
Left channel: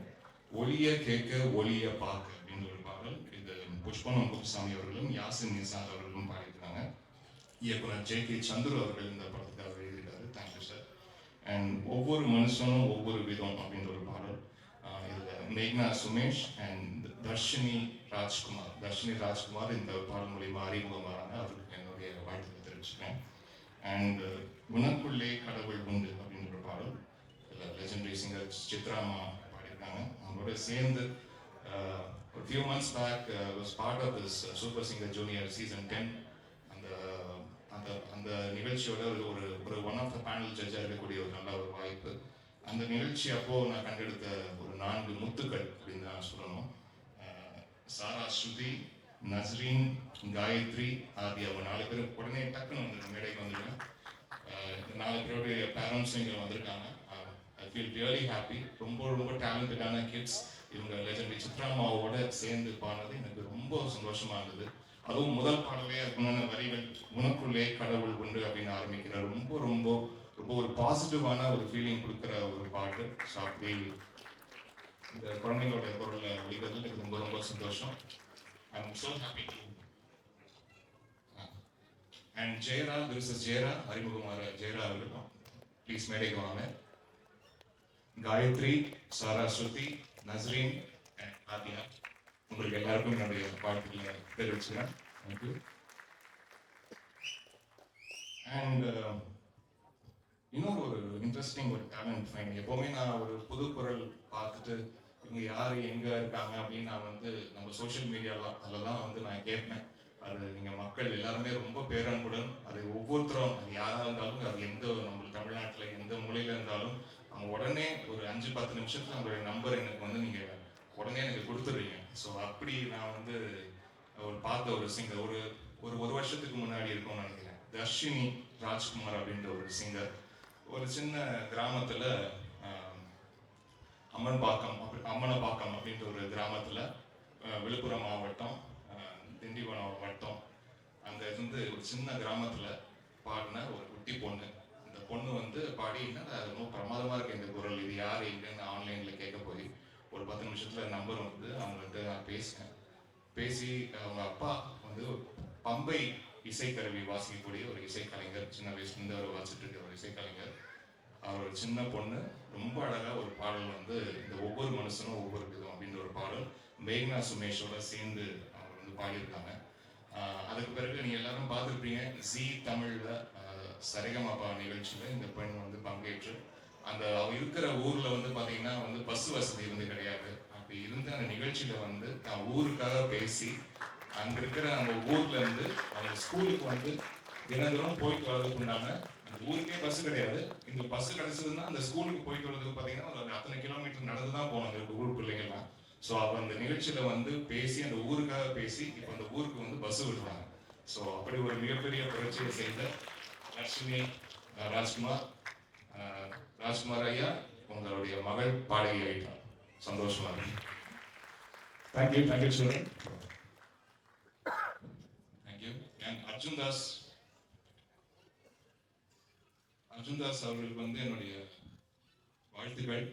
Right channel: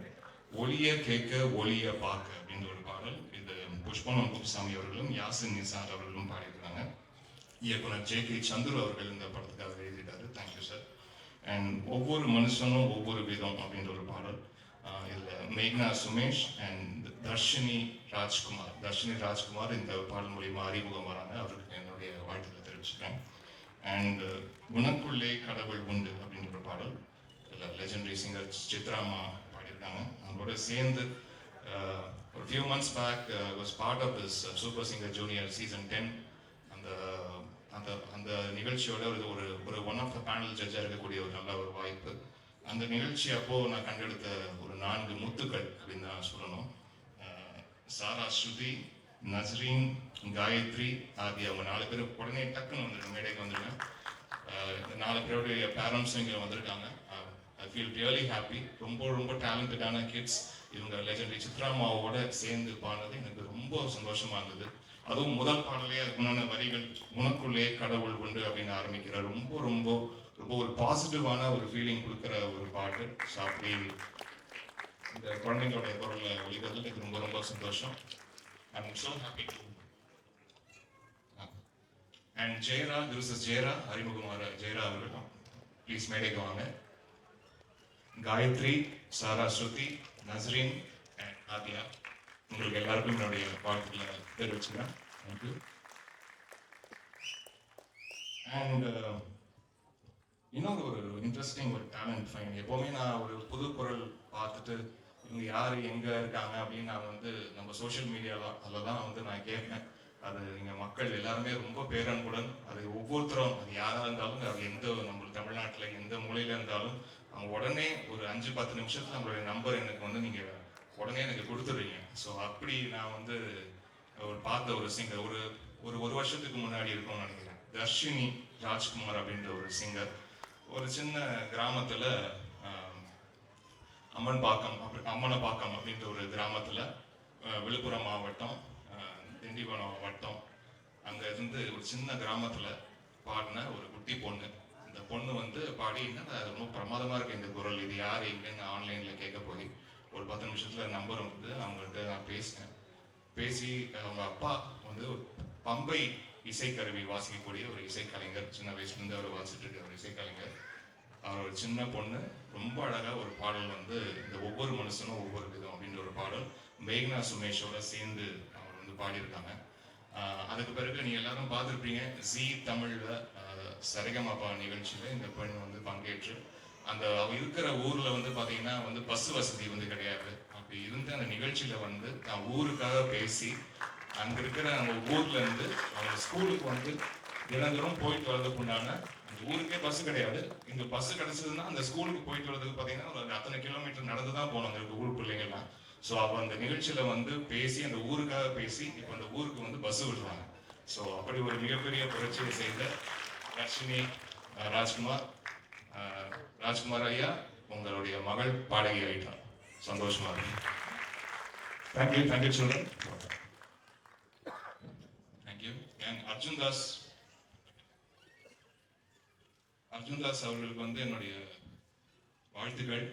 ஒளிய கேட்க ஒளிய பார்க்க அப்படின்ற ஒரு பாடல். இது புஷ்பனம் குப்புசாமி அவர்களும் யாசின் நிசார் அவர்களும் பாடி இயக்குனர் ஜே கே சந்துரு அவர்கள் இந்த படத்துக்காக எழுதிட்டாரு. தேங்க்யூ சார் அண்ட் ஒவ்வொரு மனுஷனும் ஒவ்வொரு விதம் அப்படின்ற ஒரு பாடல். இதில் இதுல மேக்னா சுமேஷ் அண்ட் தர்ஷினி ராஜ்குமார். தர்ஷினி ராஜ்குமார் இந்த பாடல் மூலியமாக அறிமுகம் வராங்க அவருக்கு என்னுடைய வாழ்த்துக்களை தெரிவிச்சுக்கிறேன். அண்ட் உனக்குள்ளே கடவுள் உண்டு அப்படின்ற ஒரு பாடல். இதில் லெஜெண்டரி சிங்கர் சித்ராமா பாடியிருக்காங்க. அவங்களோட சேர்ந்து ஒரு few months back was part of this super singer junior season ten அந்த அந்த நிகழ்ச்சியோட ஒரு ஒரு ஒரு ஒன் ஆஃப் த பேனல் ஜட்ஜாக இருக்கக்கூடிய ஒரு நல்ல ஒரு வாய்ப்பு. அந்த நிகழ்ச்சி அப்போ நான் கண்டெடுத்த ஒரு நான்கு முத்துக்கள் அப்படின்னு தான் சொல்லணும். சாரா ஸ்ருதி நஸ்ரீன் காயத்ரி ஆதி அவங்க நாலு பேர் உடனே டக்குன்னு வந்துருங்க மேடைக்கு வந்துருங்க. இந்த நாலு பேருடைய பேரண்ட்ஸும் இங்கே வந்திருக்காங்க. ஐ ஃபீல் ரியலி ஹாப்பி ரொம்ப ரொம்ப டேலண்டடான கிட்ஸ் இவங்க லெஜண்டரி சித்ராமாவோட சேர்ந்து பாடுறது எனக்கு ரொம்ப சந்தோஷமா இருந்தது. அதுவும் முதல் பாடலே அதுக்குண்டான வரிகள் உனக்குள்ளே கடவுள் உண்டு அப்படின்னு ஆரம்பிக்கிறார். ரொம்ப ரொம்ப ரொம்ப ஒரு பாசிட்டிவான ஒரு ஃபீலிங் கொடுக்குற ஒரு பாட்டு சாப்பிட்டு இந்த குழந்தைங்களோட குரலில் ஒழிக்கிறது எனக்கு ரொம்ப ரொம்ப சந்தோஷம். I am so happy to and Jeyara this is Jeyara அறிமுகமான ஜெயரா அவர்கள். ப்ளீஸ் மேடைக்கு வாங்க காயத்ரி சாரா ஸ்ருதி நஸ்ரீன் அண்ட் ஆதியா உங்களுக்கு எல்லாருக்கும் என்னுடைய வாழ்த்துக்களை தெரிவிச்சுக்கிறேன். தேங்க்யூ அண்ட் இன்னும் ஒரு இன்ட்ரெஸ்டிங் ஒரு டேலண்ட் ஃபைன் எப்போவுமே நான் ஒரு புது குரல் பார்த்துட்டு இவங்க யார் எங்கே இருக்காங்க அப்படின்னு நான் வந்து நம்ம சோஷியல் மீடியாவில் அதில் தான் வந்து நான் கேட்பேன். அது நீங்க மக்கள் எல்லாருமே ரொம்ப பேரன்புடன் அது ஒவ்வொருத்தரும் அது யாராக இருந்தாலும் அது எந்த நம்ம தமிழ்நாட்டில் எந்த மூலையில் இருந்தாலும் அவங்க உடனே ஒரு அஞ்சு பத்து நிமிஷத்தில் அவங்களுடைய நம்பர் எனக்கு வந்து நீங்கள் உடனே எனக்கு கொடுத்துருவீங்க ஸோ அப்படி நான் வந்து ஒரு பார்த்த ஒரு சிங்கர் ஒரு ஒரு ஒரு வருஷத்துக்கு முன்னாடி இருக்கும்னு நினைக்கிறேன். தர்ஷினி ராஜ்குமார் அப்படின்ற ஒரு சிங்கர் ஒரு சின்ன கிராமத்தில் அம்மன் பாக்கம் அப்படி அம்மனப்பாக்கம் அப்படின்ற ஒரு கிராமத்தில் விழுப்புரம் மாவட்டம் திண்டிவனம் வட்டம் அங்கே இருந்து ஒரு சின்ன கிராமத்தில் பாடின ஒரு குட்டி பொண்ணு. இந்த பொண்ணு வந்து பாடி என்னடா அது ரொம்ப பிரமாதமாக இருக்குது இந்த குரல். இது யார் எங்கன்னு ஆன்லைனில் கேட்க போய் ஒரு பத்து நிமிஷத்துல நம்பர் வந்து அவங்கள்ட்ட நான் பேசினேன் பேசி அவங்க அப்பா வந்து பம்பை இசைக்கருவி வாசிக்கக்கூடிய ஒரு இசைக்கலைஞர். சின்ன வயசுல இருந்து அவர் வாசிட்டு இருக்க ஒரு இசைக்கலைஞர். அவர் ஒரு சின்ன பொண்ணு. ரொம்ப அழகா ஒரு பாடல் வந்து இந்த ஒவ்வொரு மனுஷனும் ஒவ்வொரு விதம் அப்படின்ற ஒரு பாடல். மேக்னா சுமேஷோட சேர்ந்து அவர் வந்து பாடியிருக்காங்க. அதுக்கு பிறகு நீங்கள் எல்லாரும் பார்த்துருப்பீங்க. ஜி தமிழ்ல சரிகமாப்பா சரிகமபா நிகழ்ச்சியில இந்த பெண் வந்து பங்கேற்று அந்த இருக்கிற ஊர்ல வந்து பாத்தீங்கன்னா வந்து பஸ் வசதி வந்து கிடையாது. அப்படி இருந்த அந்த நிகழ்ச்சியில வந்து தான் ஊருக்காக பேசி அங்க இருக்கிற அந்த ஊர்ல இருந்து அவங்க ஸ்கூலுக்கு வந்து தினந்தோறும் போயிட்டு வர்றதுக்கு உண்டான அந்த ஊருக்கே பஸ் கிடையாது. இந்த பஸ் கிடைச்சதுன்னா அந்த ஸ்கூலுக்கு போயிட்டு வர்றதுக்கு பாத்தீங்கன்னா ஒரு அத்தனை கிலோமீட்டர் நடந்து தான் போகணும் அங்க ஊர் பிள்ளைங்கள்லாம் ஸோ அப்போ அந்த நிகழ்ச்சியில வந்து பேசி அந்த ஊருக்காக பேசி இப்போ அந்த ஊருக்கு வந்து பஸ் விடுறாங்க. ஸோ அப்படி ஒரு மிகப்பெரிய புரட்சியை செய்த லட்சுமி ராஜ்குமார் ராஜ்குமார் ஐயா உங்களுடைய மகள் பாடகி ஆயிட்டார். சந்தோஷமா இருக்கு. Thank you thank you children thank you and Arjun Das Arjun Das அவர்களுக்கு வந்து என்னுடைய வாழ்த்துக்கள்.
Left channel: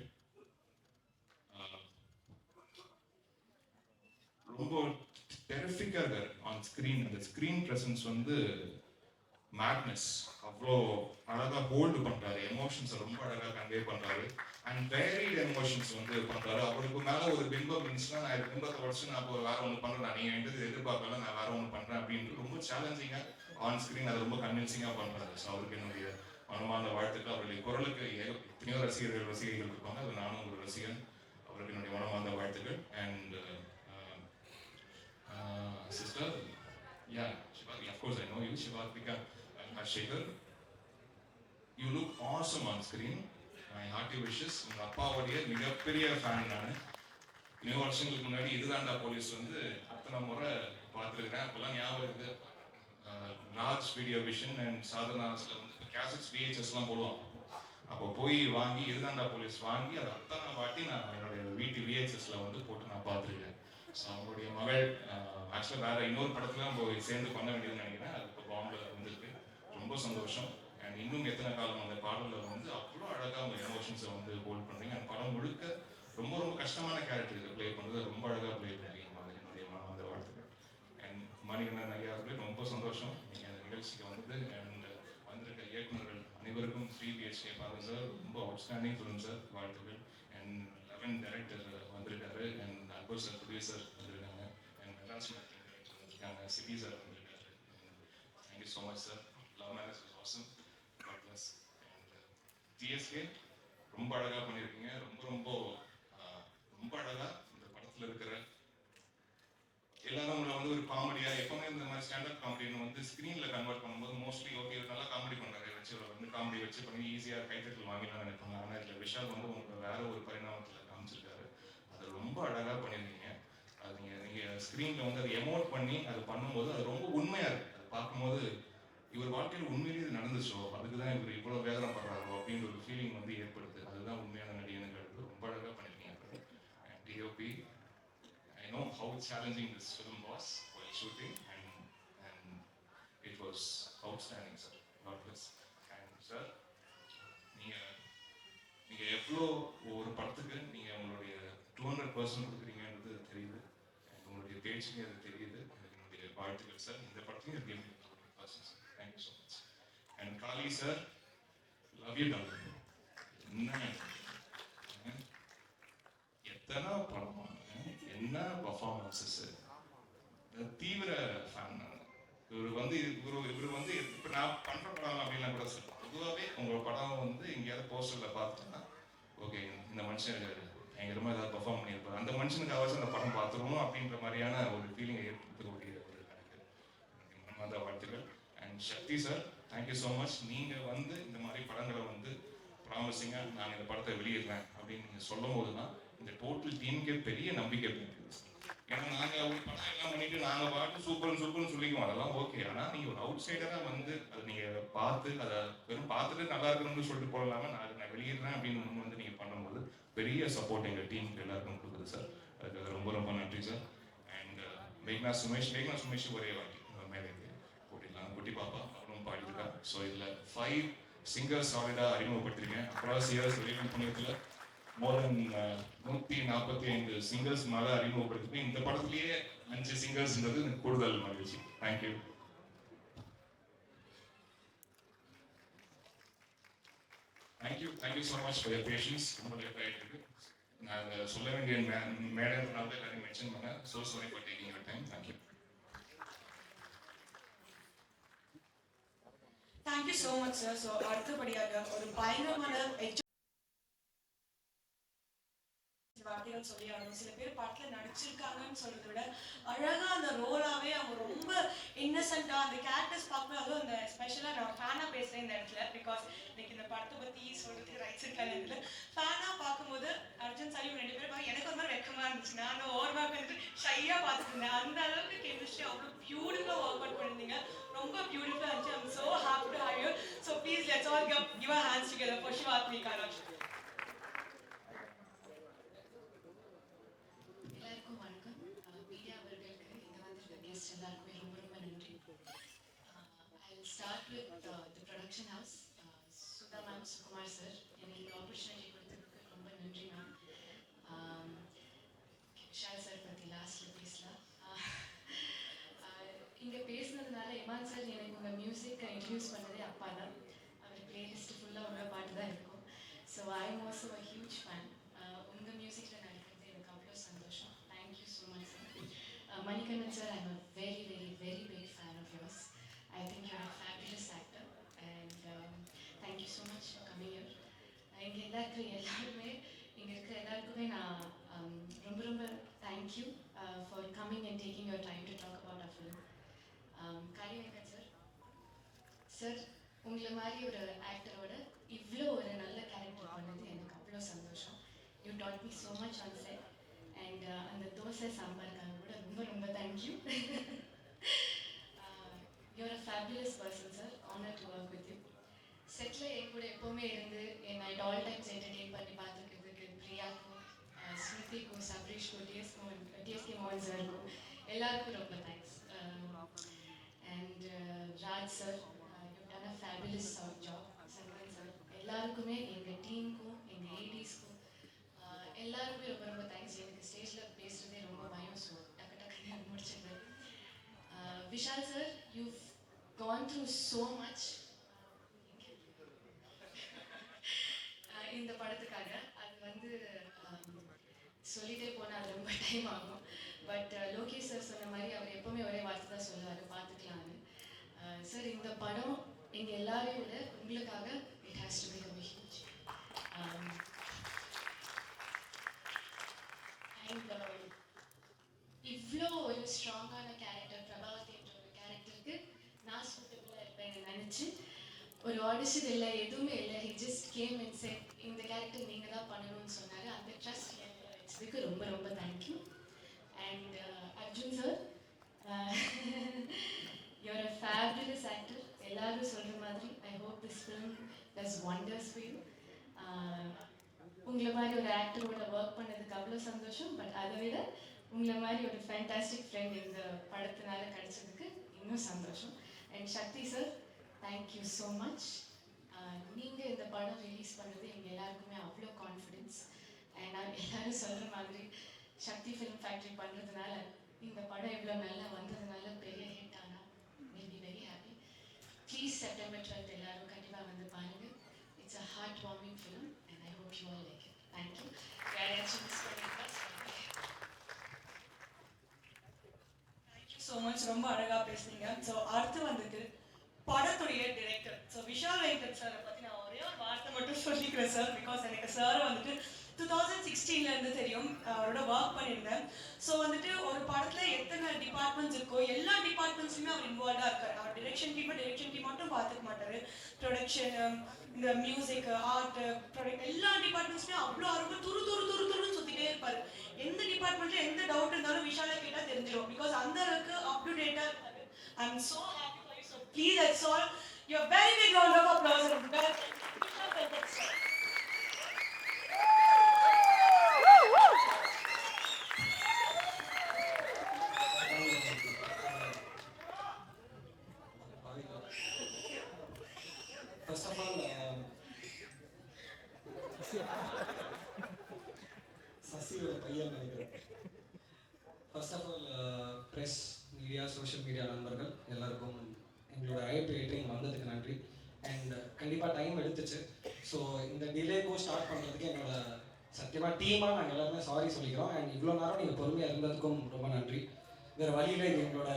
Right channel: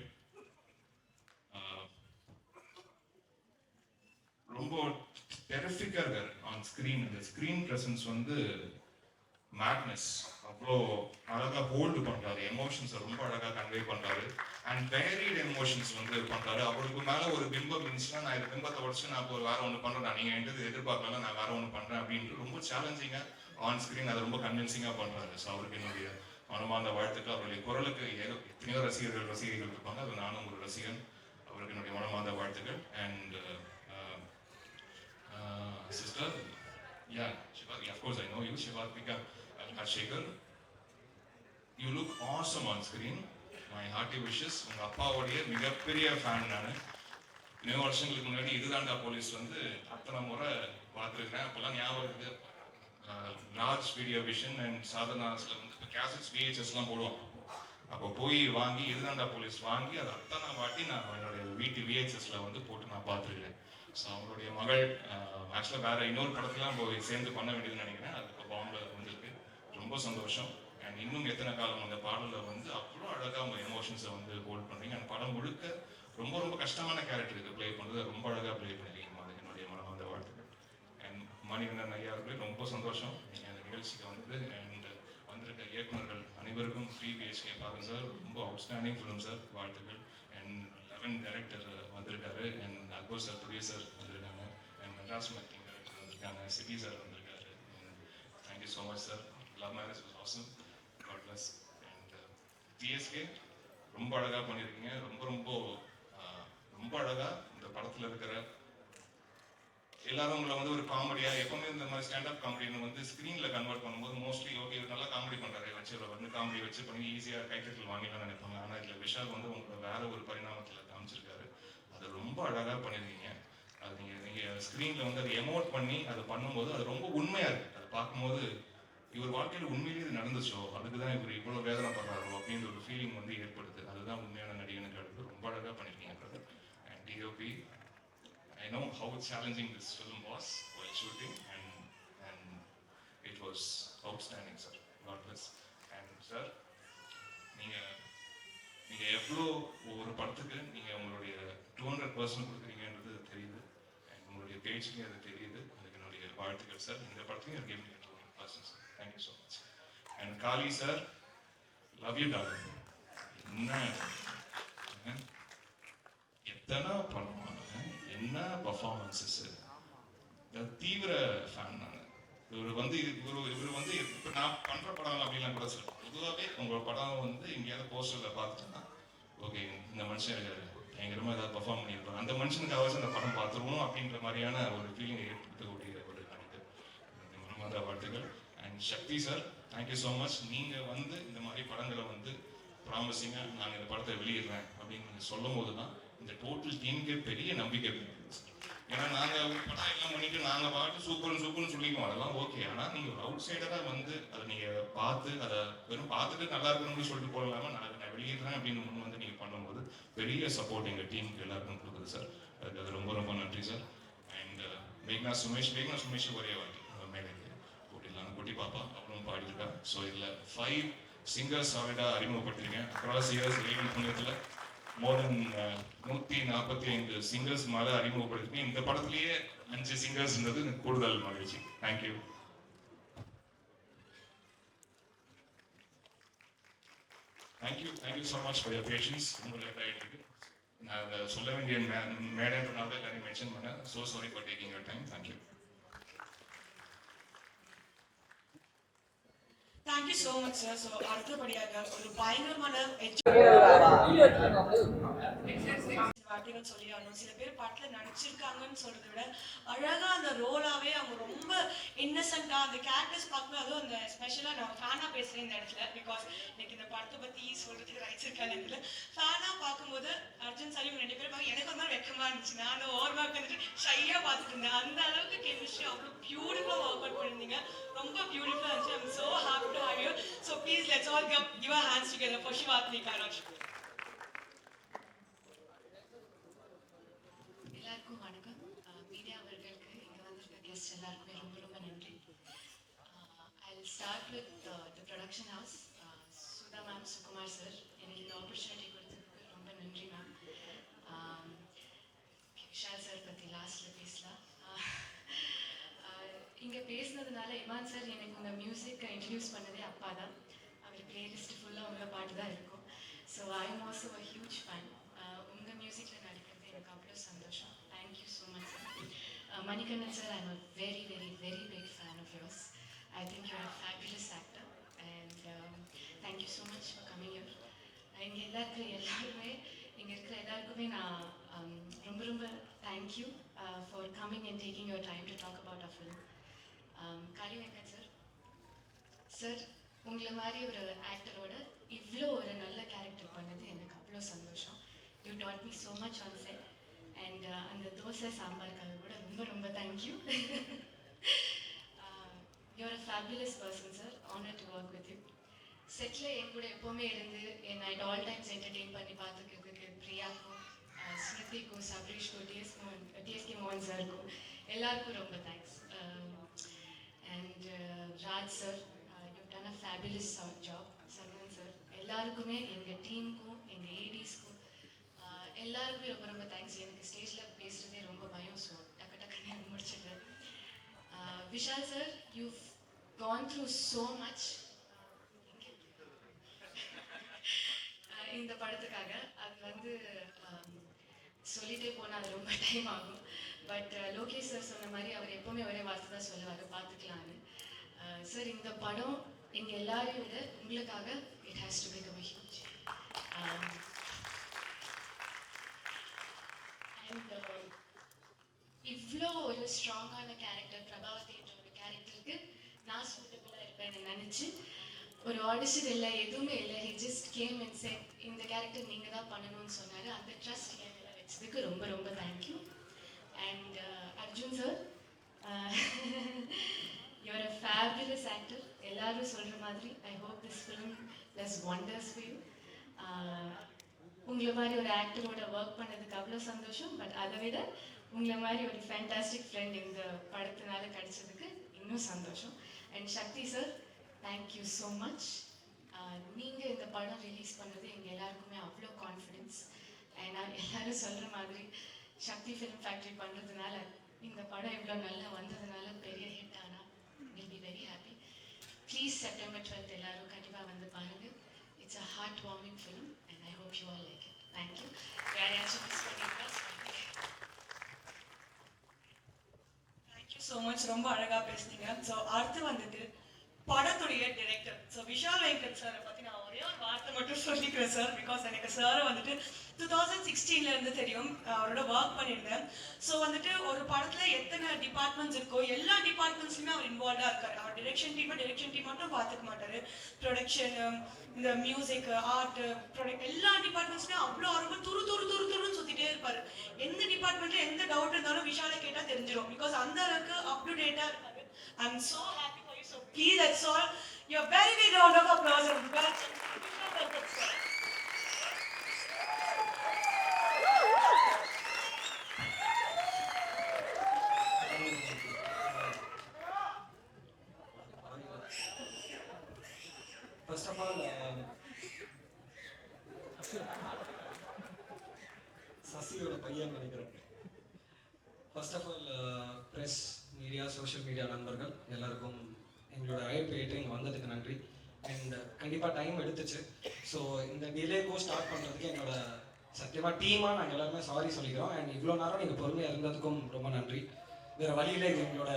ரொம்ப டெரிஃபிக்காக இருக்கார் ஆன் ஸ்கிரீன் அந்த ஸ்கிரீன் பிரசன்ஸ் வந்து மேட்னஸ் அவ்வளோ அழகா ஹோல்டு பண்றாரு. எமோஷன்ஸ் ரொம்ப அழகா கன்வே பண்றாரு. அண்ட் வேரிட் எமோஷன்ஸ் வந்து பண்றாரு. அவருக்கு மேல ஒரு பிம்பம் இருந்துச்சுன்னா நான் இந்த பிம்பத்தை உடச்சு நான் இப்போ வேற ஒன்று பண்றேன். நீங்க என்கிட்ட எதிர்பார்க்கல நான் வேற ஒன்று பண்றேன் அப்படின்ட்டு ரொம்ப சேலஞ்சிங்கா ஆன் ஸ்கிரீன் அதை ரொம்ப கன்வின்சிங்கா பண்றாரு. ஸோ அவருக்கு என்னுடைய மனமான வாழ்த்துக்கள். அவருடைய குரலுக்கு எத்தனையோ ரசிகர்கள் ரசிகர்கள் இருப்பாங்க. அது நானும் ஒரு ரசிகன். அவருக்கு என்னுடைய மனமார்ந்த வாழ்த்துக்கள். And sister yeah Siva of course I know you you பிகா ஹர்ஷேகர் you look awesome on screen my hearty wishes உங்கள் அப்பாவுடைய மிகப்பெரிய ஃபேன் நான். இன்னும் வருஷங்களுக்கு முன்னாடி இதுதாண்டா போலீஸ் வந்து அத்தனை முறை பார்த்துருக்கிறேன். அப்போல்லாம் ஞாபகம் இருக்கு large Raj video vision and சாதனாஸில் வந்து இப்போ கேசட்ஸ் விஹெச்எஸ்லாம் போடுவோம் அப்போ போய் வாங்கி இதுதாண்டா போலீஸ் வாங்கி அதை அத்தனை வாட்டி நான் என்னுடைய வீட்டு விஹெச்எஸ்ல வந்து போட்டு நான் பார்த்துருக்கேன். ஸோ அவங்களுடைய மகள் ஆக்சுவலாக வேற இன்னொரு படத்துலாம் போய் சேர்ந்து பண்ண வேண்டியதுன்னு நினைக்கிறேன். அது இப்போ பாம்புல வந்திருக்கு ரொம்ப சந்தோஷம். அண்ட் இன்னும் எத்தனை காலம் அந்த பாடலில் வந்து அவ்வளோ அழகாக உங்கள் எமோஷன்ஸை வந்து ஹோல்ட் பண்ணுறீங்க அந்த படம் முழுக்க ரொம்ப ரொம்ப கஷ்டமான கேரக்டர் இது ப்ளே பண்ணுறது ரொம்ப அழகாக ப்ளே பண்ணிருக்கீங்க அது என்னுடைய மனம் வாழ்த்துக்கள். அண்ட் மணிகண்டன் ஐயா அவர்களே ரொம்ப சந்தோஷம். நீங்கள் அந்த நிகழ்ச்சிக்கு வந்தது. அண்ட் வந்திருக்க இயக்குநர்கள் அனைவருக்கும் ஃப்ரீ பிஹெச்கே பாருங்க சார் ரொம்ப அவுட்ஸ்டாண்டிங் ஃபிலிம் சார் வாழ்த்துக்கள். அண்ட் லெவன் டைரக்டர் வந்திருக்காரு. அண்ட் அக்பர் சார் ப்ரொடியூசர் வந்திருக்காங்க. அண்ட் மெட்ராஸ் மேக்கிங் டைரக்டர் வந்திருக்காங்க. சிட்டி சார் வந்திருக்காரு. Thank you so much sir love marriage was awesome God bless and DSK ரொம்ப அழகா பண்ணியிருக்கீங்க. ரொம்ப ரொம்ப ரொம்ப அழகா இந்த படத்துல இருக்கிற எல்லாரும் உங்களை வந்து ஒரு காமெடியா எப்பவுமே இந்த மாதிரி ஸ்டாண்டப் காமெடின்னு வந்து ஸ்கிரீன்ல கன்வெர்ட் பண்ணும்போது மோஸ்ட்லி ஓகே நல்லா காமெடி பண்றாரு. வச்சு இவரை வந்து காமெடி வச்சு பண்ணி ஈஸியா கைத்தட்டல் வாங்கிலாம் நினைப்பாங்க. ஆனா இதுல விஷால் வந்து உங்களை வேற ஒரு பரிணாமத்துல காமிச்சிருக்காரு. அது ரொம்ப அழகா பண்ணிருக்கீங்க அது நீங்க நீங்க ஸ்கிரீன்ல வந்து அதை எமோட் பண்ணி அதை பண்ணும்போது அது ரொம்ப உண்மையா இருக்கு. அதை பார்க்கும்போது இவர் வாழ்க்கையில் உண்மையிலேயே இது நடந்துச்சோ? அதுக்கு தான் இவர் இவ்வளோ வேதனை பண்ணுறாரோ அப்படின்ற ஒரு ஃபீலிங் வந்து ஏற்படுது. அதுதான் உண்மையான நடிகனுக்கு அடுத்து ரொம்ப அழகாக பண்ணிருக்கீங்க and DOP I know how challenging this film was why shooting and and it was outstanding sir God bless. And sir நீங்கள் நீங்கள் எவ்வளோ ஒரு படத்துக்கு நீங்கள் உங்களுடைய டூ ஹண்ட்ரட் பர்சன்ட் கொடுக்குறீங்கன்றது தெரியுது. அண்ட் உங்களுடைய பேச்சுக்கு அது தெரியுது. அதுக்கு என்னுடைய வாழ்த்துக்கள் சார் இந்த படத்துக்கு எனக்கு எப்படி two hundred percent sir thank you so much and Kaali sir love you darling என்ன? எத்தனை படம் என்ன பர்ஃபார்மன்ஸஸ் தீவிர ஃபேன் நான். இவர் வந்து இவர் இவர் வந்து இப்போ நான் பண்ணுற படம் அப்படிலாம் கூட சார் பொதுவாகவே உங்கள் படம் வந்து எங்கேயாவது போஸ்டரில் பார்த்துட்டேன்னா ஓகே இந்த மனுஷன் பயங்கரமாக ஏதாவது பர்ஃபார்ம் பண்ணியிருப்பார். அந்த மனுஷனுக்கு அவசியம் அந்த படம் பார்த்துருவோம் அப்படின்ற மாதிரியான ஒரு ஃபீலிங் ஏற்படுத்தக்கூடிய ஒரு கணக்கு மனமார்ந்த வாழ்த்துக்கள். And Sakthi sir thank you so much நீங்கள் வந்து இந்த மாதிரி படங்களை வந்து ப்ராமிசிங்காக நான் இந்த படத்தை வெளியிடுறேன் அப்படின்னு சொல்லும் போது தான் இந்த டோட்டல் டீமுக்கு பெரிய நம்பிக்கை இருக்கு ஏன்னா நாங்கள் ஒரு படம் எல்லாம் பண்ணிட்டு நாங்கள் பாட்டு சூப்பர் சூப்பர்னு சொல்லிக்குவோம். அதெல்லாம் ஓகே ஆனால் நீங்கள் ஒரு அவுட் சைடராக வந்து அதை நீங்கள் பார்த்து அதை வெறும் பார்த்துட்டு நல்லா இருக்கணும்னு சொல்லிட்டு போடலாம நான் அதை நான் வெளியிடுறேன் அப்படின்னு வந்து நீங்கள் பண்ணும்போது பெரிய சப்போர்ட் எங்கள் டீமுக்கு எல்லாருக்கும் கொடுக்குது சார் அதுக்கு ரொம்ப ரொம்ப நன்றி சார் அண்ட் uh, மேக்னா சுமேஷ் மேக்னா சுமேஷ் ஒரே வாட்டி. மேலே கூட்டிடலாம். குட்டி பாப்பா. பாடியிருக்கா. ஸோ இதில் ஃபைவ் சிங்கர்ஸ் சாலிடாக அறிமுகப்பட்டிருக்கேன் அக்ராஸ் இயர்ஸ் ரேடியோ புண்ணியத்தில் uh, மோர் தென் நூற்றி நாற்பத்தி ஐந்து சிங்கர்ஸ் மேலே அறிமுகப்படுத்திருக்கேன். இந்த படத்துலேயே அஞ்சு சிங்கர்ஸ்ன்றது எனக்கு கூடுதல் மகிழ்ச்சி. Thank you thank you thank you so much for your patience உங்களுடைய டைட்டுக்கு நான் அதை சொல்ல வேண்டிய மேடம் மேடைன்றனால எல்லாரையும் மென்ஷன் பண்ணேன். So sorry for taking your time thank you thank you so much sir so அடுத்தபடியாக ஒரு பயங்கரமான வார்த்தைகள் சொல்லி ஆகணும் சில பேர் பாட்டுல நடிச்சிருக்காங்கன்னு சொல்றதை விட அழகா அந்த ரோலாவே அவங்க ரொம்ப இன்னசென்ட்டா அந்த கேரக்டர்ஸ் பார்க்கும்போது அதுவும் அந்த ஸ்பெஷலா நான் ஃபேனா பேசுறேன் இந்த இடத்துல பிகாஸ் எனக்கு இந்த படத்தை பத்தி சொல்றது வச்சிருக்கேன் இடத்துல. ஃபேனா பார்க்கும்போது அர்ஜுன் சலீம் ரெண்டு பேரும் பார்க்க எனக்கு ஒரு மாதிரி வெக்கமா இருந்துச்சு. நான் ஓவர் வந்துட்டு ஷையா பார்த்துட்டு இருந்தேன். அந்த அளவுக்கு கெமிஸ்ட்ரி அவ்வளோ பியூட்டிஃபுல்லா ஒர்க் அவுட் பண்ணிருந்தீங்க ரொம்ப பியூட்டிஃபுல்லா இருந்துச்சு. I'm so happy to have you so please let's all give give hands together for சிவாத்மி காலக்ஷ் எல்லாருக்கும் வணக்கம் மீடியா அவர்களுக்கு இங்கே வந்திருக்க கெஸ்ட் எல்லாருக்குமே ரொம்ப ரொம்ப நன்றி I start with the production house Sudha ma'am Sukumar sir எனக்கு இந்த ஆப்பர்ச்சுனிட்டி கொடுத்ததுக்கு ரொம்ப நன்றி மேம் விஷால் சார் பற்றி லாஸ்ட்டில் பேசலாம். Uh, uh, இங்கே பேசுனதுனால இமான் சார் எனக்கு இந்த மியூசிக்கை இன்ட்ரடியூஸ் பண்ணதே அப்பா தான். அவர் பிளேலிஸ்ட் ஃபுல்லாக உங்கள் பாட்டு தான் இருக்கும். So I am also a huge fan உங்கள் மியூசிக்கில் நடிக்கிறது எனக்கு அவ்வளோ சந்தோஷம். Thank you so much sir Manikannan sir I am very very very big fan of yours I think you are fabulous actor and thank you so much for coming your இங்கே எல்லா இருக்கிற எல்லாருமே. இங்கே இருக்கிற எல்லாருக்குமே நான் um, ரொம்ப ரொம்ப thank you for coming and taking your time to talk about a film Kaali Venkat sir sir உங்களை மாதிரி ஒரு ஆக்டரோட இவ்வளோ ஒரு நல்ல கேரக்டர் பண்ணது எனக்கு அவ்வளோ சந்தோஷம். You taught me so much on set and அந்த தோசை சாம்பாருக்காக கூட ரொம்ப ரொம்ப thank you you're a fabulous person sir honour to work with you settle என் கூட எப்போவுமே இருந்து என் நைட் ஆல் டைம்ஸ் என்டர்டெயின் பண்ணி பார்த்துக்கிறதுக்கு பிரியாக்கும் அஹ், ஸ்மிருதிக்கும் சப்ரீஷ்க்கும் டிஎஸ்க்கும் டிஎஸ்கே மோகன் சாருக்கும் எல்லாருக்கும் ரொம்ப thanks and Raj sir you done a fabulous job Sankaran sir எல்லாருக்குமே எங்கள் டீமுக்கும் எங்கள் ஏடிஸ்க்கும் எல்லாருக்குமே ரொம்ப ரொம்ப தேங்க்ஸ் எனக்கு ஸ்டேஜில் பேசுகிறதே ரொம்ப பயம் ஸோ டக்கு டக்குன்னு முடிச்சிடுறேன் Vishal sir you gone through so much இந்த படத்துக்காக அது வந்து um, Um, சொல்லிட்டே போனால் அது ரொம்ப டைம் ஆகும். பட் uh, லோகேஷ் சார் சொன்ன மாதிரி அவர் எப்பவுமே ஒரே வார்த்தை தான் சொல்லுவார் பார்த்துக்கலான்னு சார் uh, இந்த படம் எங்கள் எல்லாரையும் விட உங்களுக்காக it has to become huge and இவ்வளோ ஒரு ஸ்ட்ராங்கான கேரக்டர் பிரபாவதி என்ற ஒரு கேரக்டருக்கு நான் சூட்டபுளாக இருப்பேன்னு நினச்சி ஒரு ஆடிஷன் இல்லை எதுவுமே இல்லை. He just came and set இந்த கேரக்டர் நீங்கள் தான் பண்ணணும்னு சொன்னார். அந்த ட்ரஸ்ட் என் வச்சதுக்கு ரொம்ப ரொம்ப thank you and Arjun sir your a fabulous actor எல்லாரும் சொல்கிற மாதிரி I hope this film does wonders view உங்களை மாதிரி ஒரு ஆக்டரோட ஒர்க் பண்ணதுக்கு அவ்வளோ சந்தோஷம். பட் அதை விட உங்களை மாதிரி ஒரு ஃபேண்டாஸ்டிக் ஃப்ரெண்ட் இந்த படத்தினால கிடைச்சதுக்கு இன்னும் சந்தோஷம். And Sakthi sir thank you so much நீங்கள் இந்த படம் ரிலீஸ் பண்ணது எங்கள் எல்லாருக்குமே அவ்வளோ கான்ஃபிடென்ஸ் அண்ட் நான் எல்லாரும் சொல்கிற மாதிரி சக்தி ஃபிலிம் ஃபேக்ட்ரி பண்ணுறதுனால இந்த படம் இவ்வளோ நல்லா வந்ததுனால பெரிய ஹிட் ஆனால் will be very happy please September twelfth எல்லாரும் கண்டிப்பாக வந்து பாருங்கள் it's a heart warming film and I hope you all like it thank you யாரையாச்சும் மிஸ் பண்ணியிருக்கா தேங்க்யூ ஸோ மச் ரொம்ப அழகாக பேசுனீங்க. ஸோ அடுத்து வந்துட்டு படத்துடைய டிரெக்டர் ஸோ விஷால் வெங்கட் சாரை பற்றி நான் ஒரே ஒரு வார்த்தை மட்டும் சொல்லிக்கிறேன் சார் பிகாஸ் எனக்கு சாரை வந்துட்டு டூ தௌசண்ட் சிக்ஸ்டீன்ல இருந்து தெரியும். அவரோட ஒர்க் பண்ணியிருந்தேன். ஸோ வந்துட்டு ஒரு படத்தில் எத்தனை டிபார்ட்மெண்ட்ஸ் இருக்கோ எல்லா டிபார்ட்மெண்ட்ஸ்லையுமே அவர் இன்வால்வாக இருக்கார். அவர் டிரெக்ஷன் டீமை டிரெக்ஷன் டீம் மட்டும் பார்த்துக்க மாட்டார். ப்ரொடக்ஷன் இந்த மியூசிக் ஆர்ட் ப்ரொடக்ட் எல்லா டிபார்ட்மெண்ட்ஸ்லையும் அவ்வளோ ரொம்ப துரு துரு துரு துருன்னு சுற்றிட்டே இருப்பார். எந்த டிபார்ட்மெண்ட்ல எந்த டவுட் இருந்தாலும் விஷாலை கேட்டால் தெரிஞ்சிடும் பிகாஸ் அந்த அளவுக்கு அப் டு டேட்டா இருக்காரு I am happy Please, that's all. You're very big round of applause, everybody. வேறு வழியில் இது எங்களோட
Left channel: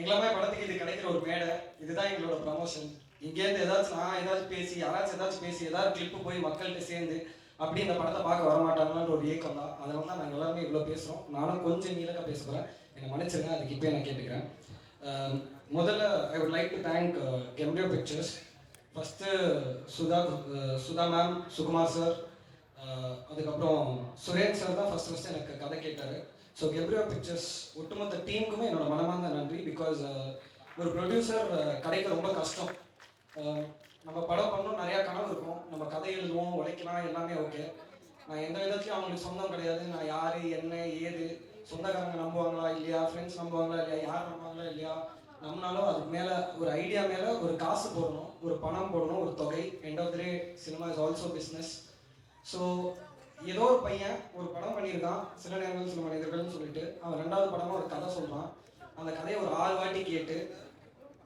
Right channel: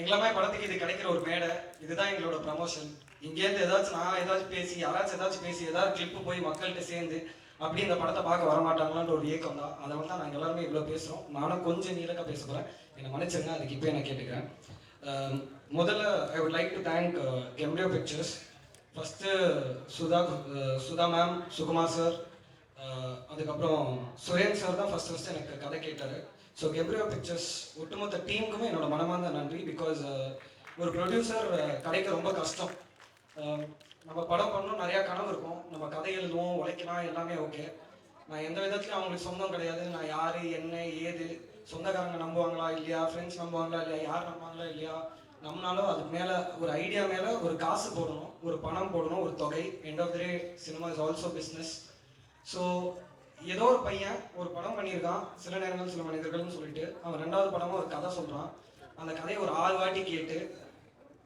எங்களை மாதிரி படத்துக்கு இது கிடைக்கிற ஒரு மேடை. இதுதான் எங்களோட ப்ரமோஷன் இங்கேருந்து ஏதாச்சும் நான் ஏதாச்சும் பேசி யாராச்சும் ஏதாச்சும் பேசி ஏதாவது கிளிப்பு போய் மக்கள்கிட்ட சேர்ந்து அப்படி இந்த படத்தை பார்க்க வர மாட்டாங்களான்ற ஒரு ஏக்கம் தான். அதனால தான் நாங்கள் எல்லாருமே இவ்வளோ பேசுகிறோம் நானும் கொஞ்சம் நீளக்க பேச போகிறேன் என்னை மன்னிச்சிருங்க அதுக்கு இப்போ நான் கேட்டுக்கிறேன். முதல்ல I would like to thank கெம்ரியோ pictures first Sudha Sudha ma'am Sukumar sir அதுக்கப்புறம் சுரேன் சார் தான் ஃபஸ்ட் ஃபஸ்ட்டு எனக்கு கதை கேட்டார். ஸோ கெப்ரியா பிக்சர்ஸ் ஒட்டுமொத்த டீமுக்குமே என்னோட மனமார்ந்த நன்றி. பிகாஸ் uh, ஒரு ப்ரொடியூசர் uh, கிடைக்க ரொம்ப கஷ்டம். Um, நம்ம படம் பண்ணணும் நிறையா கனவு இருக்கும். நம்ம கதை எழுதுவோம் உழைக்கலாம் எல்லாமே ஓகே நான் எந்த விதத்துலையும் அவங்களுக்கு சொந்தம் கிடையாது. நான் யார் என்ன ஏது சொந்தக்காரங்க நம்புவாங்களா இல்லையா? ஃப்ரெண்ட்ஸ் நம்புவாங்களா இல்லையா? யார் நம்புவாங்களா இல்லையா? நம்மளாலும் அதுக்கு மேலே ஒரு ஐடியா மேலே ஒரு காசு போடணும் ஒரு பணம் போடணும் ஒரு தொகை. End of the day cinema is also business so ஏதோ ஒரு பையன் ஒரு படம் பண்ணியிருக்கான். சில நேரங்கள் சில மனிதர்கள்னு சொல்லிட்டு அவன் ரெண்டாவது படமா ஒரு கதை சொல்றான். அந்த கதையை ஒரு ஆள் வாட்டி கேட்டு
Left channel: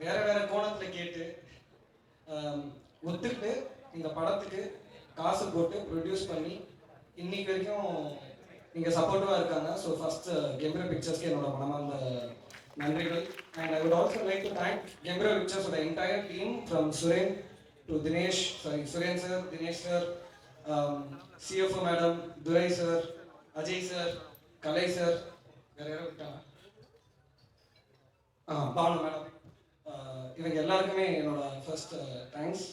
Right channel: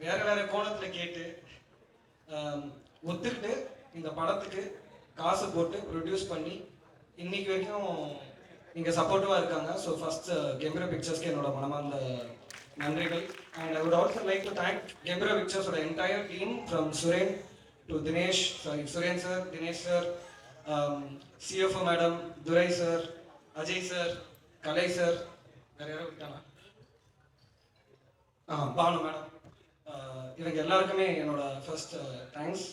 வேற வேற கோணத்துல கேட்டு ஒத்துக்கிட்டு இந்த படத்துக்கு காசு போட்டு ப்ரொடியூஸ் பண்ணி இன்னைக்கு வரைக்கும் நீங்க சப்போர்ட்டிவா இருக்காங்க. ஸோ ஃபர்ஸ்ட் கெம்ப்ரோ பிக்சர்ஸ்க்கு என்னோட மனமார்ந்த நன்றிகள். And I would also like to thank கெம்ப்ரோ பிக்சர்ஸோட entire team from Suren to Dinesh sorry Suren sir Dinesh sir CFO madam Durai sir Ajay sir Kalai sir வேற யாரும் விட்டாங்க. ஆ பானு மேடம். இவங்க எல்லாருக்குமே என்னோட first thanks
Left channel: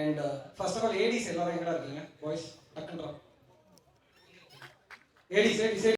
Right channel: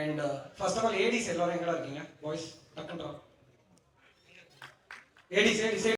and first of all ADs எல்லாரும் எங்கடா இருக்கீங்க? Boys டக்குன்றா Aedes Aedes